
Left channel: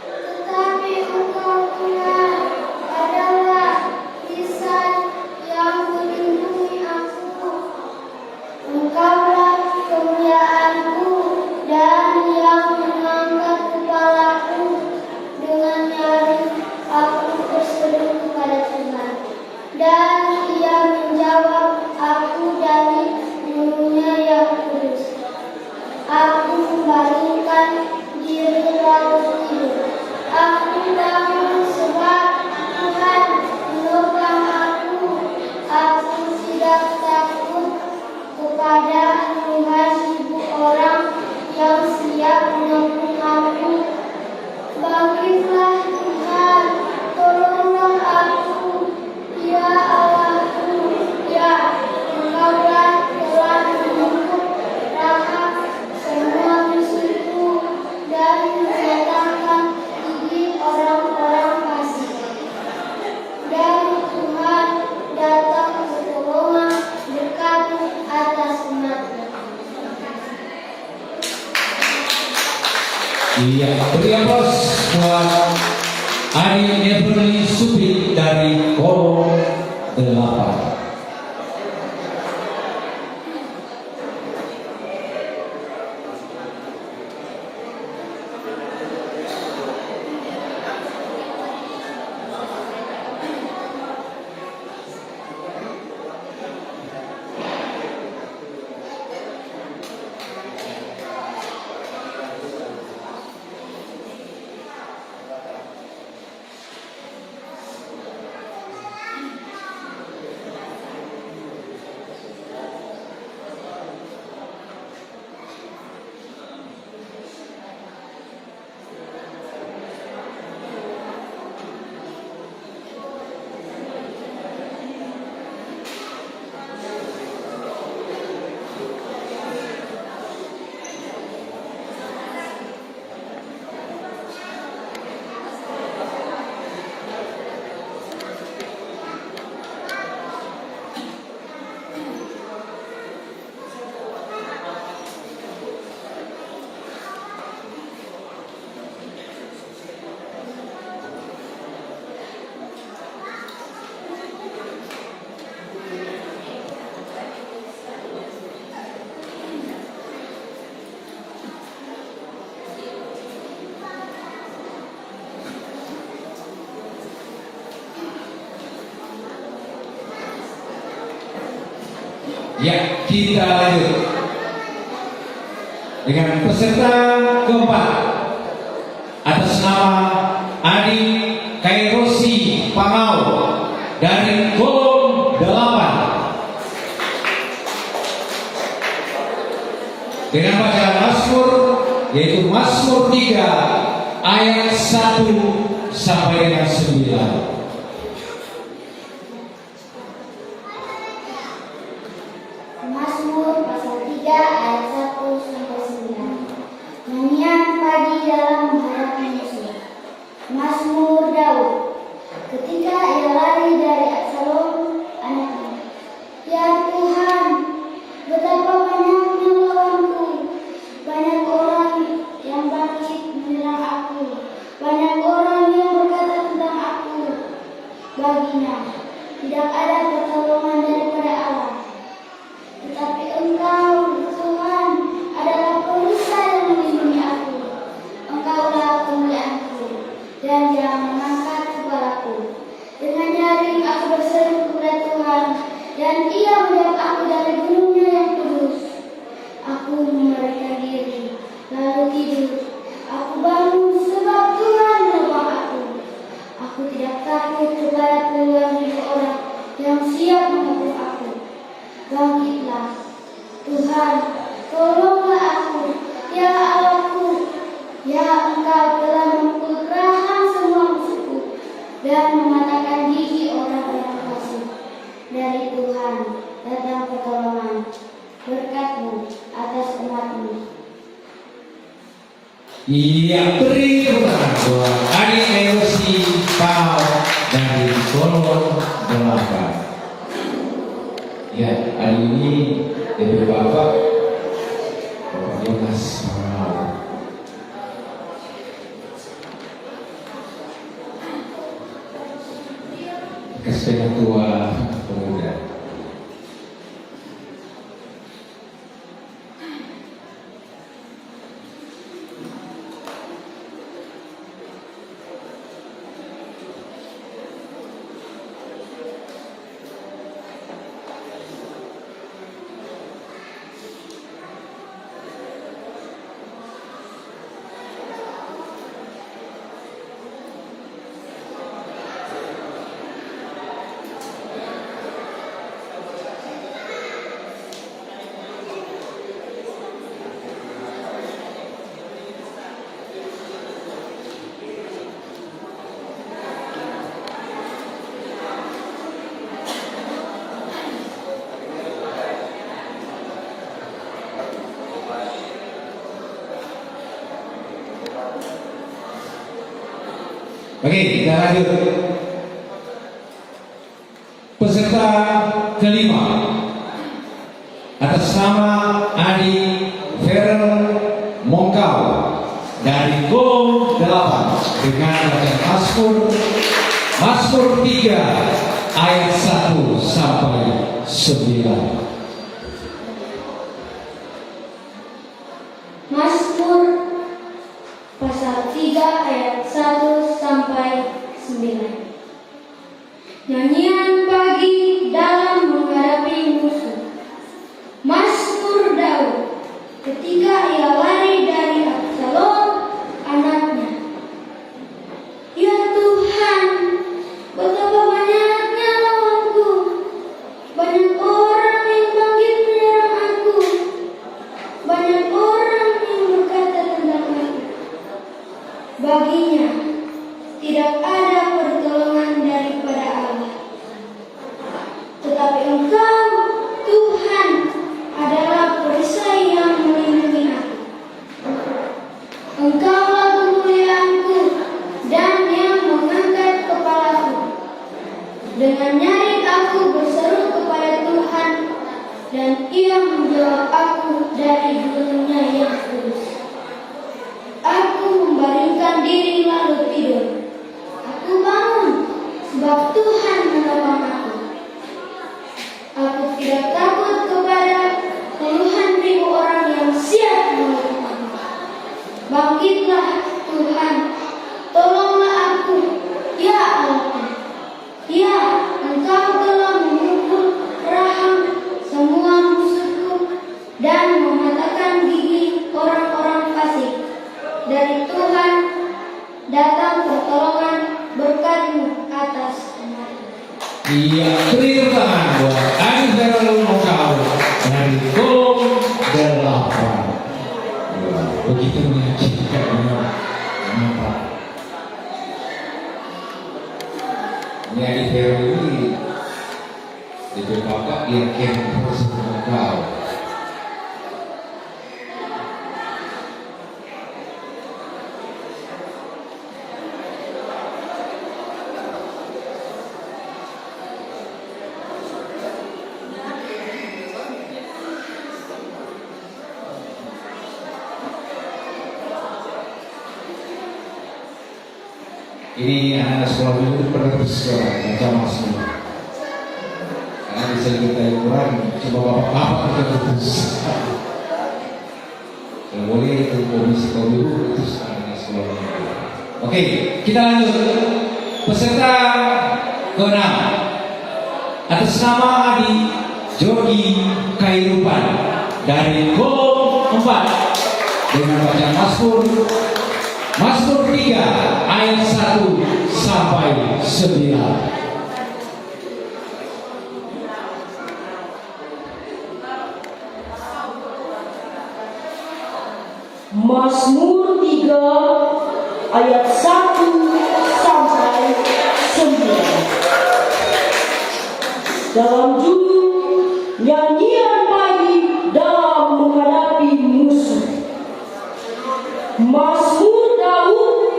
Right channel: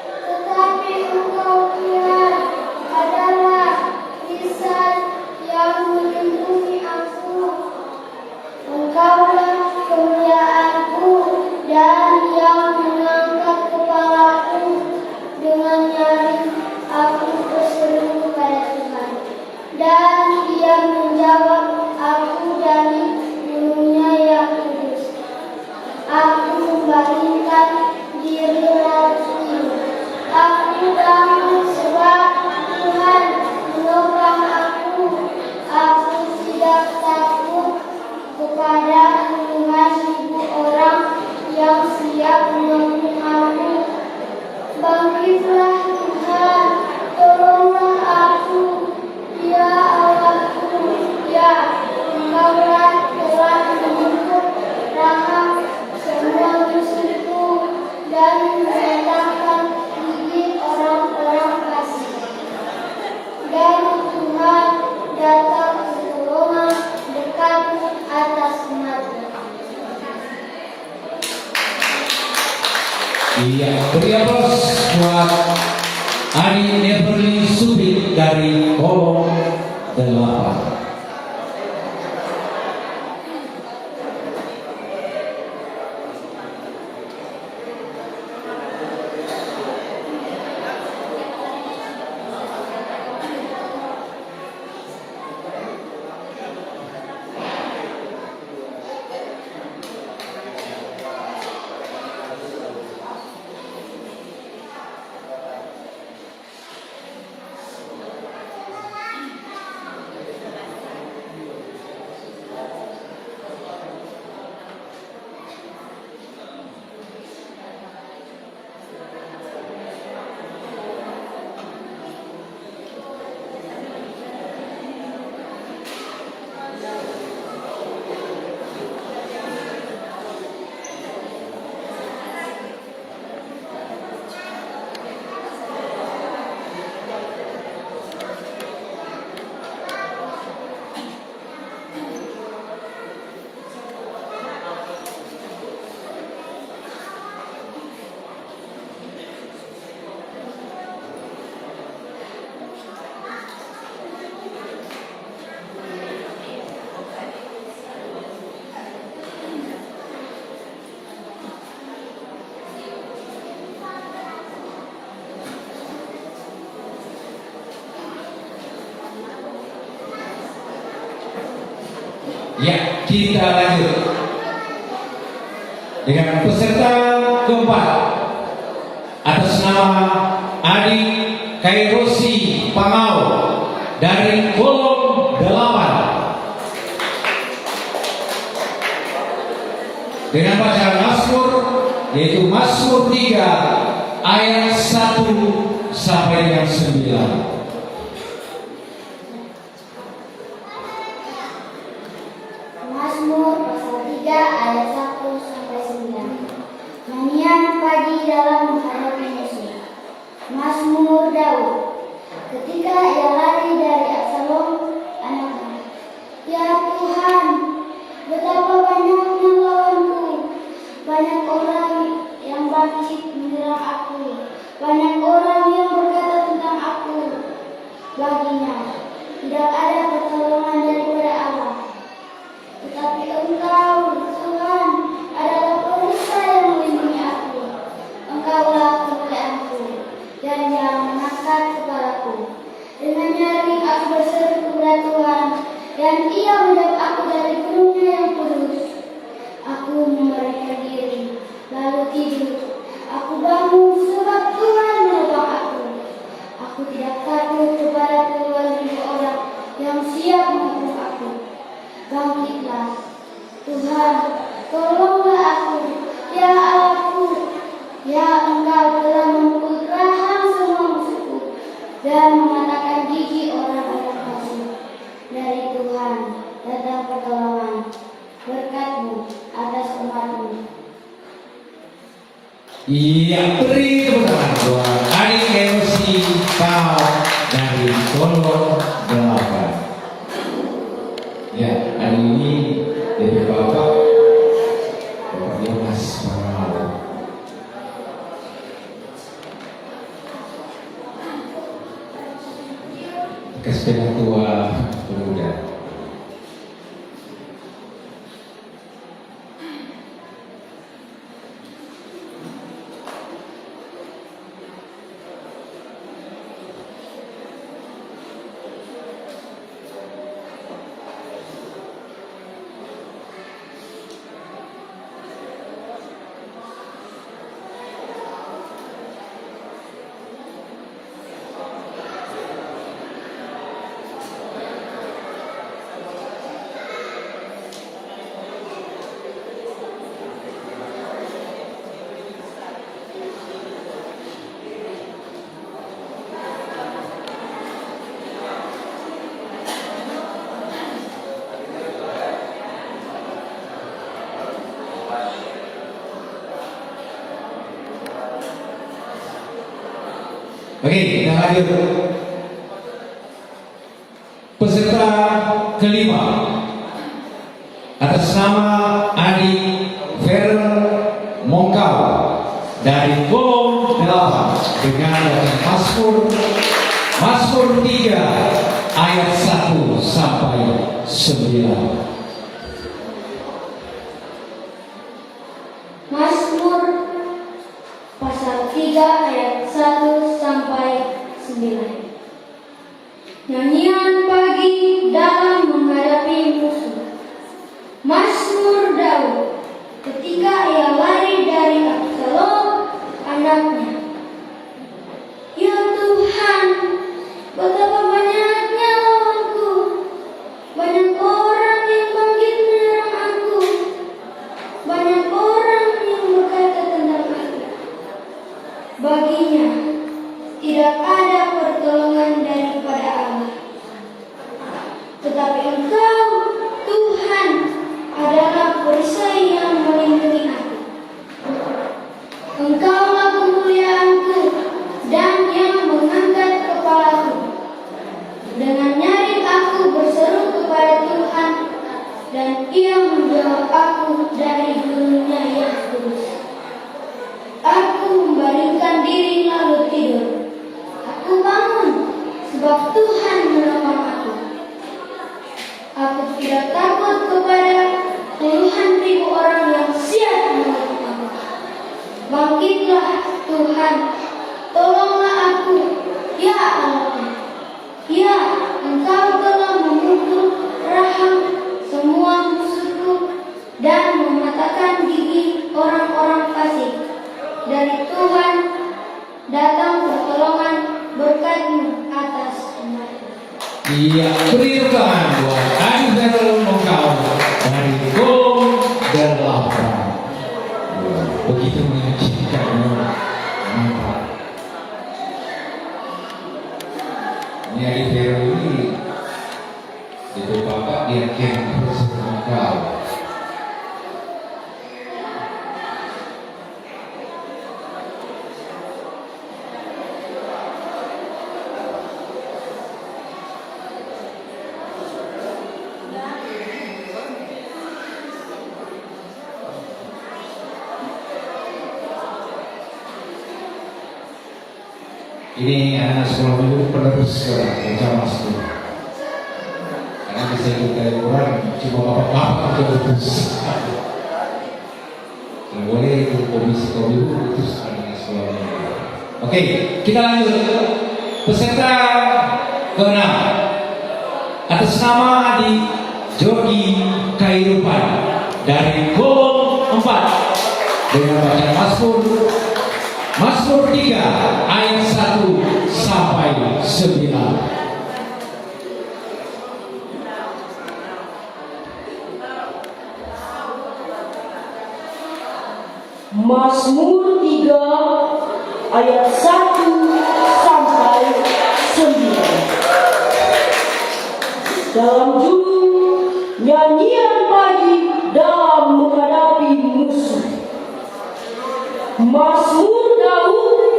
Tetapi Engkau Tuhan adalah lisan yang melindungi aku. Engkaulah kemuliaanku dan yang mengangkat kepalaku. Dengan nyaring aku berseru kepada Tuhan, dan Dia menjawab aku dari gunungnya yang kudus. Aku membaringkan diri laut biru. Aku bangun sebab Tuhan menopang aku. Aku tidak takut kepada 5.000 orang yang siap menyokong aku. Bangkitlah Tuhan, tolonglah aku. Ya Allahku, ya Engkaulah telah menutup rahang semua musuhku dan mematahkan gigi orang-orang fasik. Dan Tuhan datang pertolongan berkabut atas umatnya. Iya, beri aplaus buat Adi Neverly Subit dari Kolom 8. Ya, kita lanjut dengan peserta keempat atas nama Adi Kairosi Pangau dari kolom 8 dengan bacaan Mazmur, yaitu Mazmur 3 ayat 1 sampai dengan 9. Mazmur pasal 3 ayat 1 sampai 9. Nyanyian pagi dalam menghadapi musuh. Mazmur Daud. Ketika ia lari dari Absalom anaknya. Ya Tuhan, betapa banyaknya lawanku. Banyak orang yang bangkit menyerang aku. Banyak orang yang berkata tentang aku. Baginya tidak ada pertolongan daripada Allah. Tetapi Engkau, Tuhan, adalah perisai yang melindungi aku. Engkaulah kemuliaanku dan yang mengangkat kepalaku. Dengan nyaring aku berseru kepada Tuhan, dan Ia menjawab aku dari gunungnya yang kudus. Aku memeriksa diri, lalu tidur. Aku bangun sebab Tuhan menolong aku. Aku tidak takut kepada puluhan ribu orang yang siap membunuh aku. Bangkitlah, Tuhan, tolonglah aku, ya Allahku. Ya Engkau telah memukul rahang semua musuhku dan mengatakan gigi orang-orang palsu. Dari Tuhan datang pertolongan, berkat-Mu atas umat-Mu. Iya, beri buat Adi Kairosi Pangau dari kolom 8. Ya, hari ini dari Bapak Yonas Pangau. Ketua pemuda. Oke, kita lanjut. Peserta kelima atas nama Adi Veron Mongkau dari kolom 8 dengan bacaan Mazmur 3 ayat 1 sampai 9. Mazmur pasal 3 ayat 1 sampai 9. Nyanyian pagi dalam menghadapi musuh. Mazmur Daud. Ketika ia lari dari Absalom anaknya. Ya Tuhan, betapa banyaknya lawanku. Banyak orang yang bangkit menyerang aku. Banyak orang yang berkata tentang aku. Baginya tidak ada pertolongan daripada Allah. Tetapi Engkau, Tuhan, adalah perisai yang melindungi aku. Engkaulah kemuliaanku dan yang mengangkat kepalaku. Dengan nyaring aku berseru kepada Tuhan, dan Ia menjawab aku dari gunungnya yang kudus. Aku membaringkan diri lalu tidur. Aku bangun datang pertolongan berkat-Mu atas umat-Mu. Iya, berikan buat anugerah Engkau dari Gom Delapan. Begitu menyaksikan mata. Ini hari teori itu Bapak yakin terus Engkau. Ini anak sekolah dulu terus bersama semua. Karena bisa kita orang cuma bapak-bapak terus. Yang boleh itu komisi dulu itu anak sekolah dulu. Oke, kita lanjut. Peserta ke-6 atas nama Adi Jogi Kairupan dari Golong 4 dengan bacaan Mazmur 3 ayat 1 sampai 9. Mazmur 3 ayat 1 sampai 9. Dalam judul nyanyian pagi dalam menghadapi musuh. Mazmur Daud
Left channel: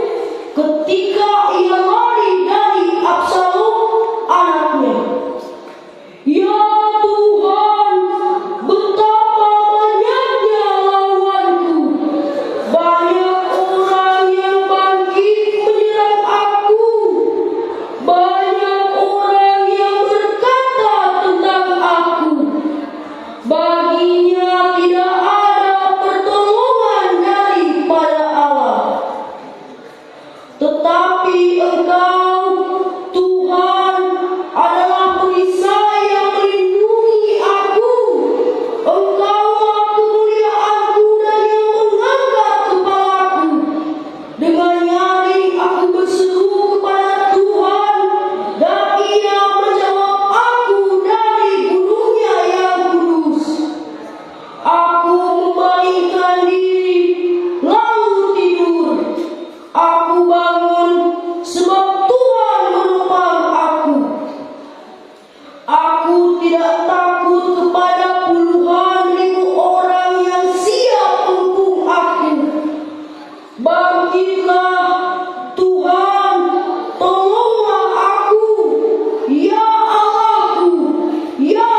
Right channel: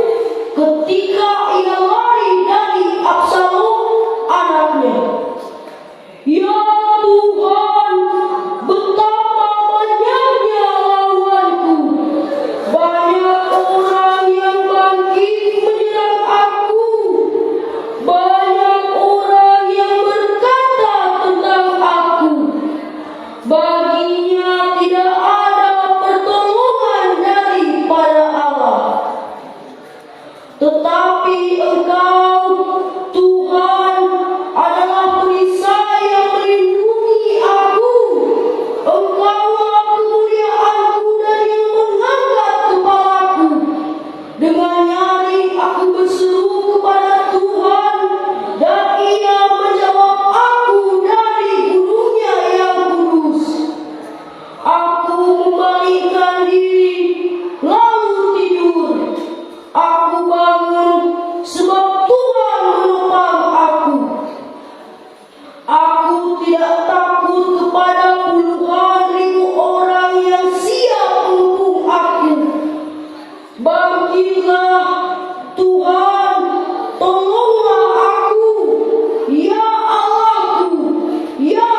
ketika ia lari dari Absalom anaknya. Ya Tuhan, betapa banyaknya lawanku. Banyak orang yang bangkit menyerang aku. Banyak orang yang berkata tentang aku. Baginya tidak ada pertolongan daripada Allah. Tetapi Engkau, Tuhan, adalah perisai yang melindungi aku. Engkaulah kemuliaanku dan yang mengangkat kepalaku. Dengan nyaring aku berseru kepada Tuhan, dan Ia menjawab aku dari gunungnya yang kudus. Aku membalikkan diri, lalu tidur. Aku bangun sebab Tuhan menopang aku. Aku tidak takut kepada puluhan ribu orang yang siap menghukum aku. Bangkitlah Tuhan, tolonglah aku. Ya Allahku, ya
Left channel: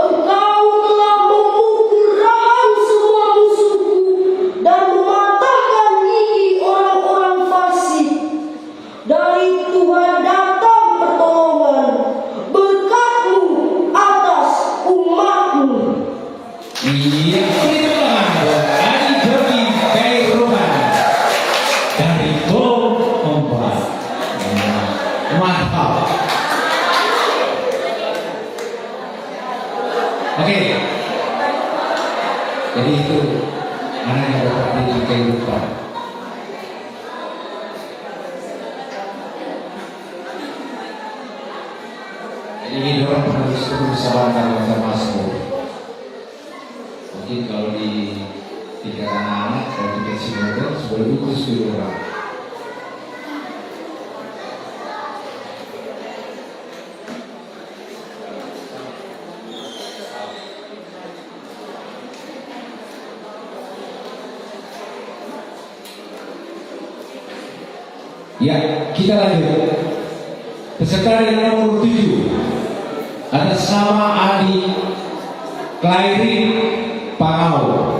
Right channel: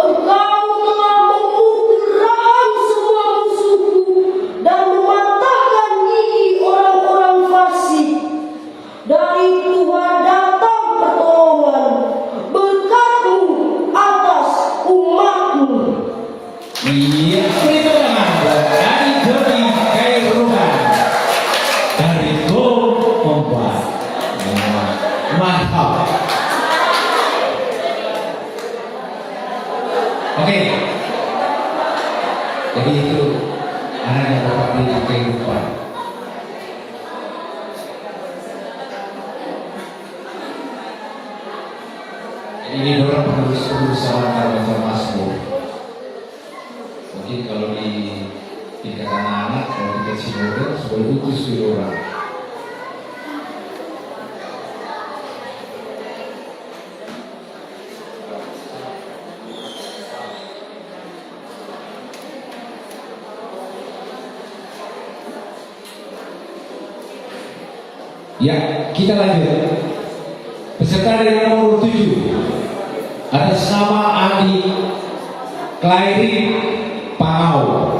Engkau telah memukul rahang semua musuhku dan mematahkan gigi orang-orang fasik. Dari Tuhan datang pertolongan, berkat-Mu atas umat-Mu. Iya, berikan buat Adi Jogi Kairupan dari Golong 4. Mantap. Oke. Jadi itu anaknya Bapak Adi Kairupan. Jadi ini orang penulis salam dan baca Mazmur. Mungkin kalau di tingkat anak-anak, kalau di tingkat senior, sudah lutus orang. Ya, kita lanjut. Peserta dari nomor 7 atas nama Adi Klairi Pangau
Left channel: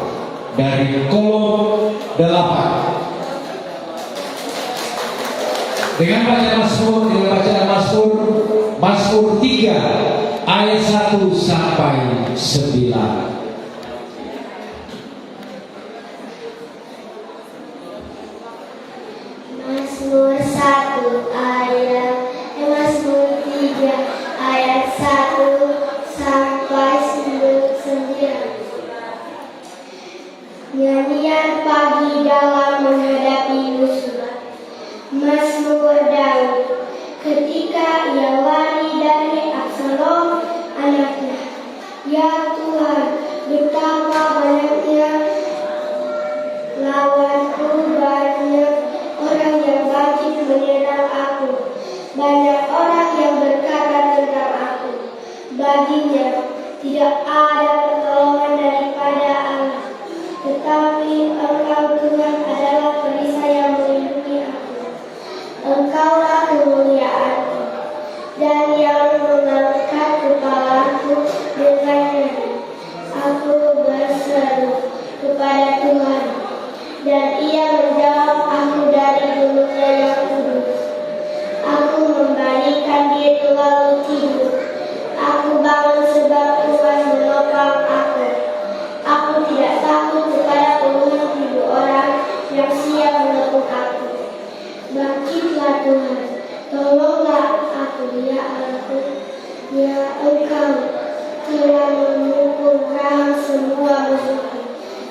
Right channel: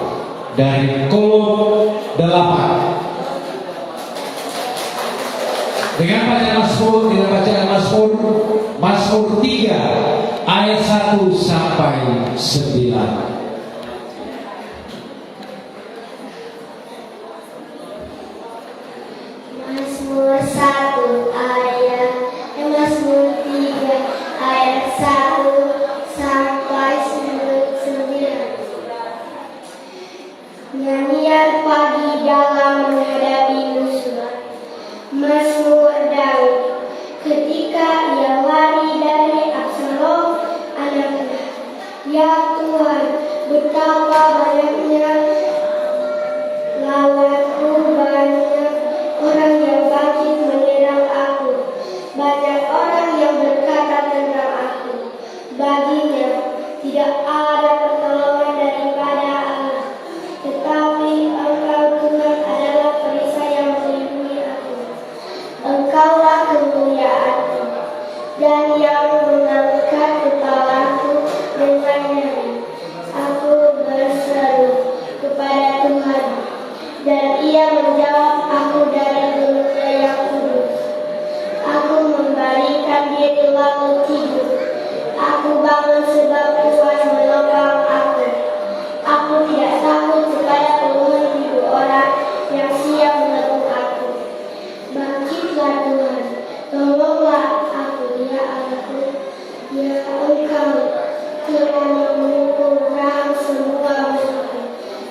dari Golong 8 dengan bacaan Mazmur 3 ayat 1 sampai 9. Mazmur 3 ayat 1 sampai 9. Nyanyian pagi dalam menghadapi musuh. Mazmur Daud. Ketika ia lari dari Absalom anaknya. Ya Tuhan, betapa banyaknya lawanku, banyak orang yang bangkit menyerang aku. Banyak orang yang berkata tentang aku, baginya tidak ada pertolongan daripada Allah. Tetapi Engkau Tuhan adalah perisai yang melindungi aku. Engkaulah kemuliaanku dan yang mengangkat kepalaku dengan nyeri. Aku berseru kepada Tuhan dan Ia menjawab aku dari gunungnya yang kudus. Aku membalikan diri lalu tidur. Aku bangun sebab Tuhan menopang aku. Aku tidak takut kepada penghuni hidup orang yang siap menepuk aku. Bangkitlah Tuhan, tolonglah aku, ya Allahku. Ya Engkau telah memukul rahang semua musuhku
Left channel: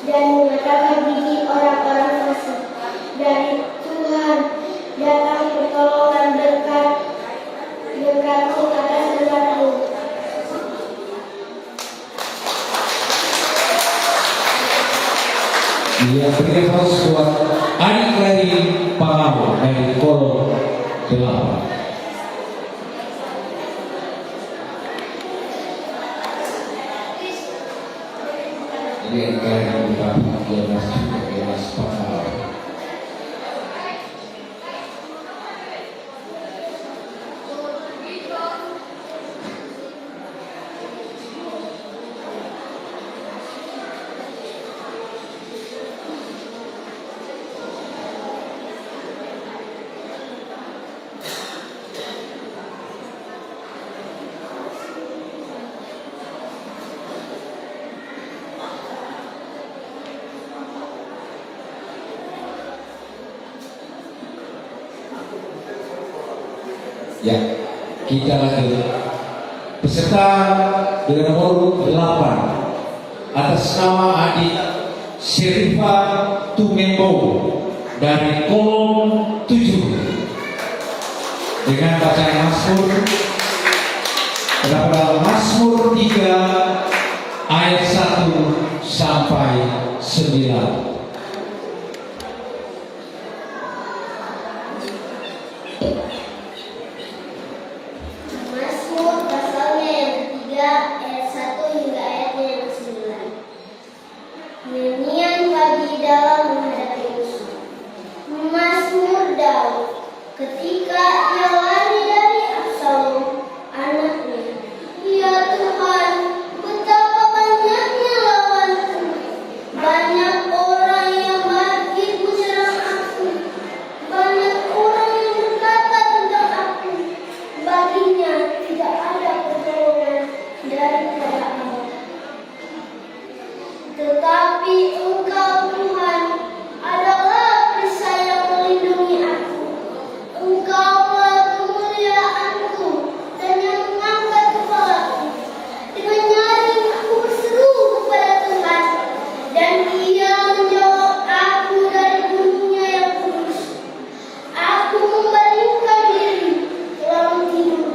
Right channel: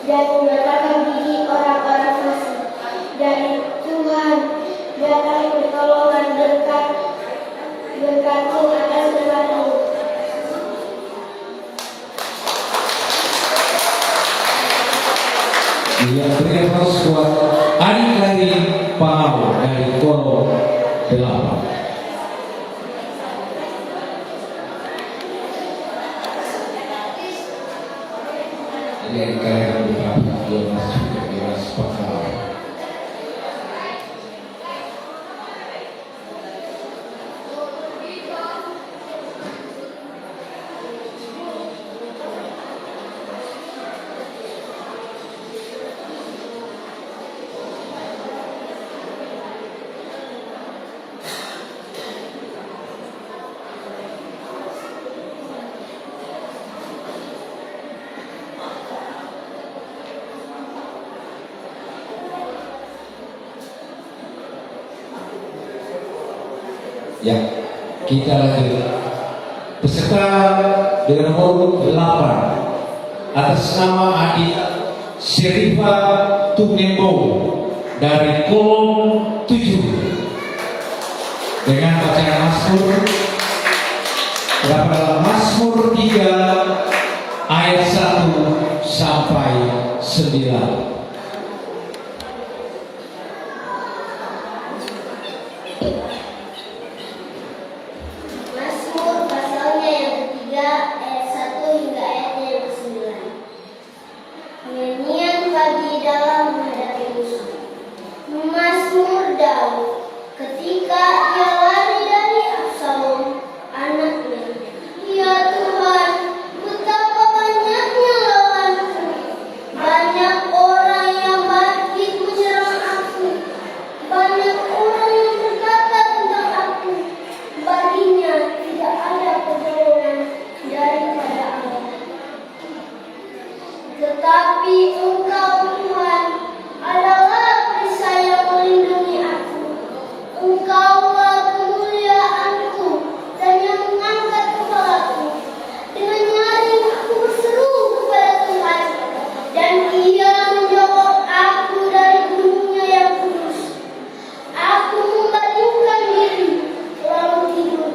dan mematahkan gigi orang-orang fasik. Dari Tuhan datang pertolongan berkat-Mu atas nama-Mu. Ia berhembus kuat hari-hari Panau dari Kolo 8. Ini hari-hari beberapa dia masuk ke Dewas Panau. Ya, kita lanjut. Peserta dengan urut 8 atas nama adik Serifa Tumembo dari kolom 7 dengan bacaan Mazmur terdapat Mazmur 3 ayat 1 sampai 9. Mazmur pasalnya yang ketiga ayat 1 hingga ayatnya yang ke-9. Nyanyian pagi dalam menghadapi musuh. Mazmur Daud. Ketika ia lari dari Absalom anaknya. Ya Tuhan, betapa banyaknya lawanku. Banyak orang yang bangkit menyerang aku. Banyak orang yang berkata tentang aku. Baginya tidak ada pertolongan daripada Allah. Tetapi Engkau Tuhan adalah perisai yang melindungi aku. Engkaulah kemuliaanku dan yang mengangkat kepalaku. Dengan nyaring aku berseru kepada Tuhan dan Ia menjawab aku dari gunungnya yang kudus. Aku membalingkan diri lalu tidur.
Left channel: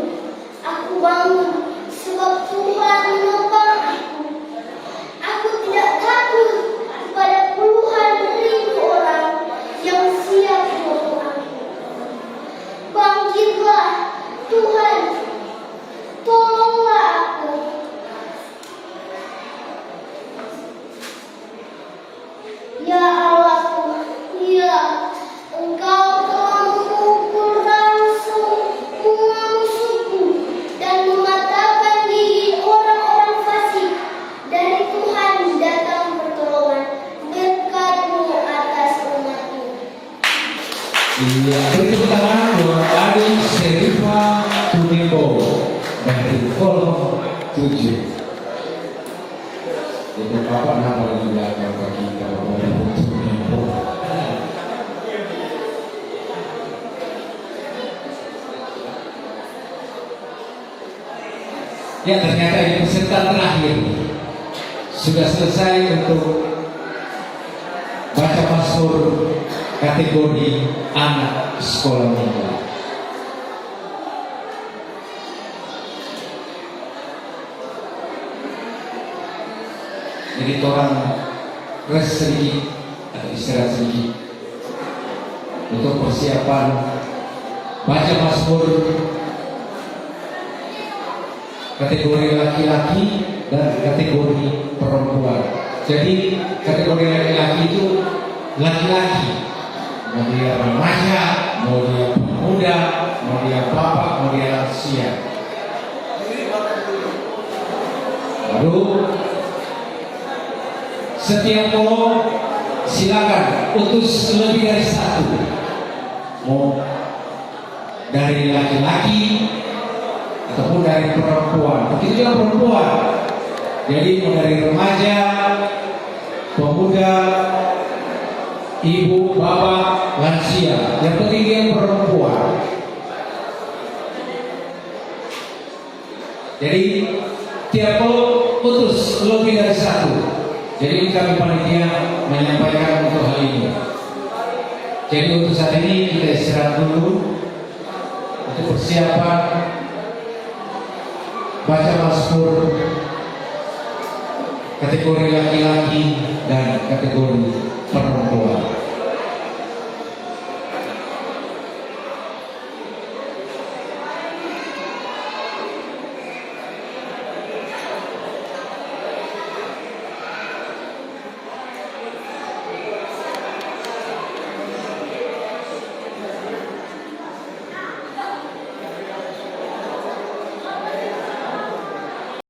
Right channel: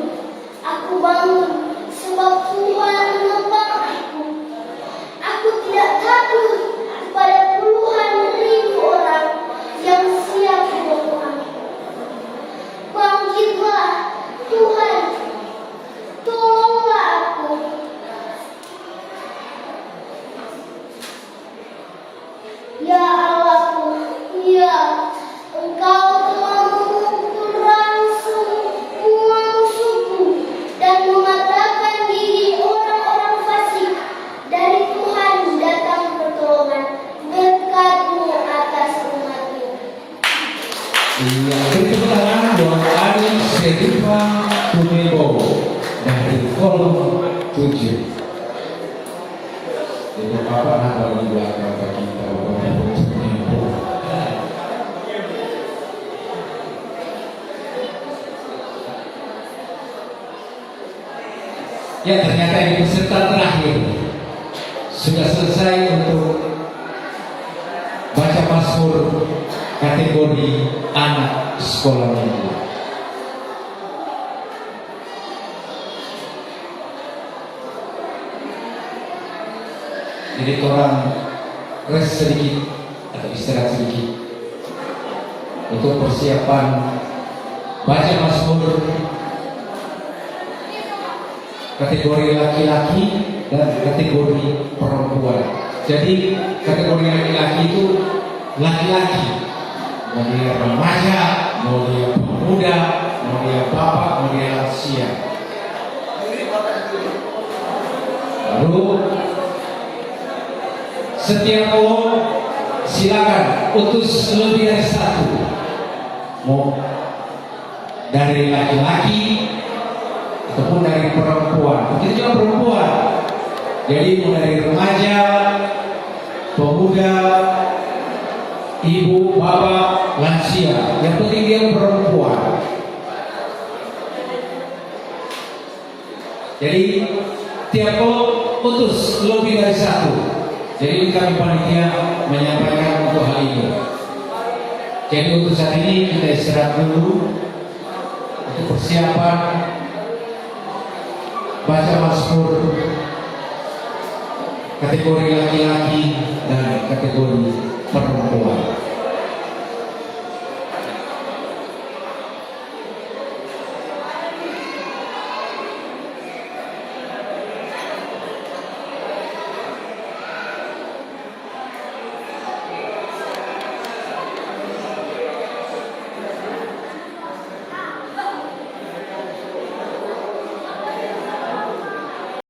Aku bangun sebab Tuhan menopang aku. Aku tidak takut kepada puluhan ribu orang yang siap membunuh aku. Bangkitlah Tuhan, tolonglah aku. Ya Allahku, ya Engkau telah memukul langsung semua musuhku dan mematahkan gigi orang-orang fasik. Dari Tuhan datang pertolongan berkat-Mu atas umat-Mu. Ia berbicara dengan adik Serifa Tumembo dari kolom 7. Jadi Bapak nama di belakang bagi kita Bapak Tumembo. Ya, ternyata di peserta terakhir sudah selesai untuk baca Mazmur kategori anak sekolah minggu. Jadi orang rest sedikit atau istirahat sedikit untuk persiapan baca Mazmur kategori laki-laki dan kategori perempuan. Jadi kategori laki-laki itu laki-laki, mau dia remaja, mau dia pemuda, mau dia bapak, mau dia lansia. Lalu setiap orang silakan utus lebih dari satu, mau dari laki-laki ataupun dari perempuan. Begitu juga perempuan. Jadi mau dari remaja, pemuda, ibu, bapak, lansia. Yang penting dia perempuan. Jadi tiap kelompok utus lebih dari satu. Jadi kami panitia menyampaikan untuk hal ini. Jadi untuk saat ini kita istirahat dulu untuk persiapan baca Mazmur kategori laki-laki dan kategori perempuan.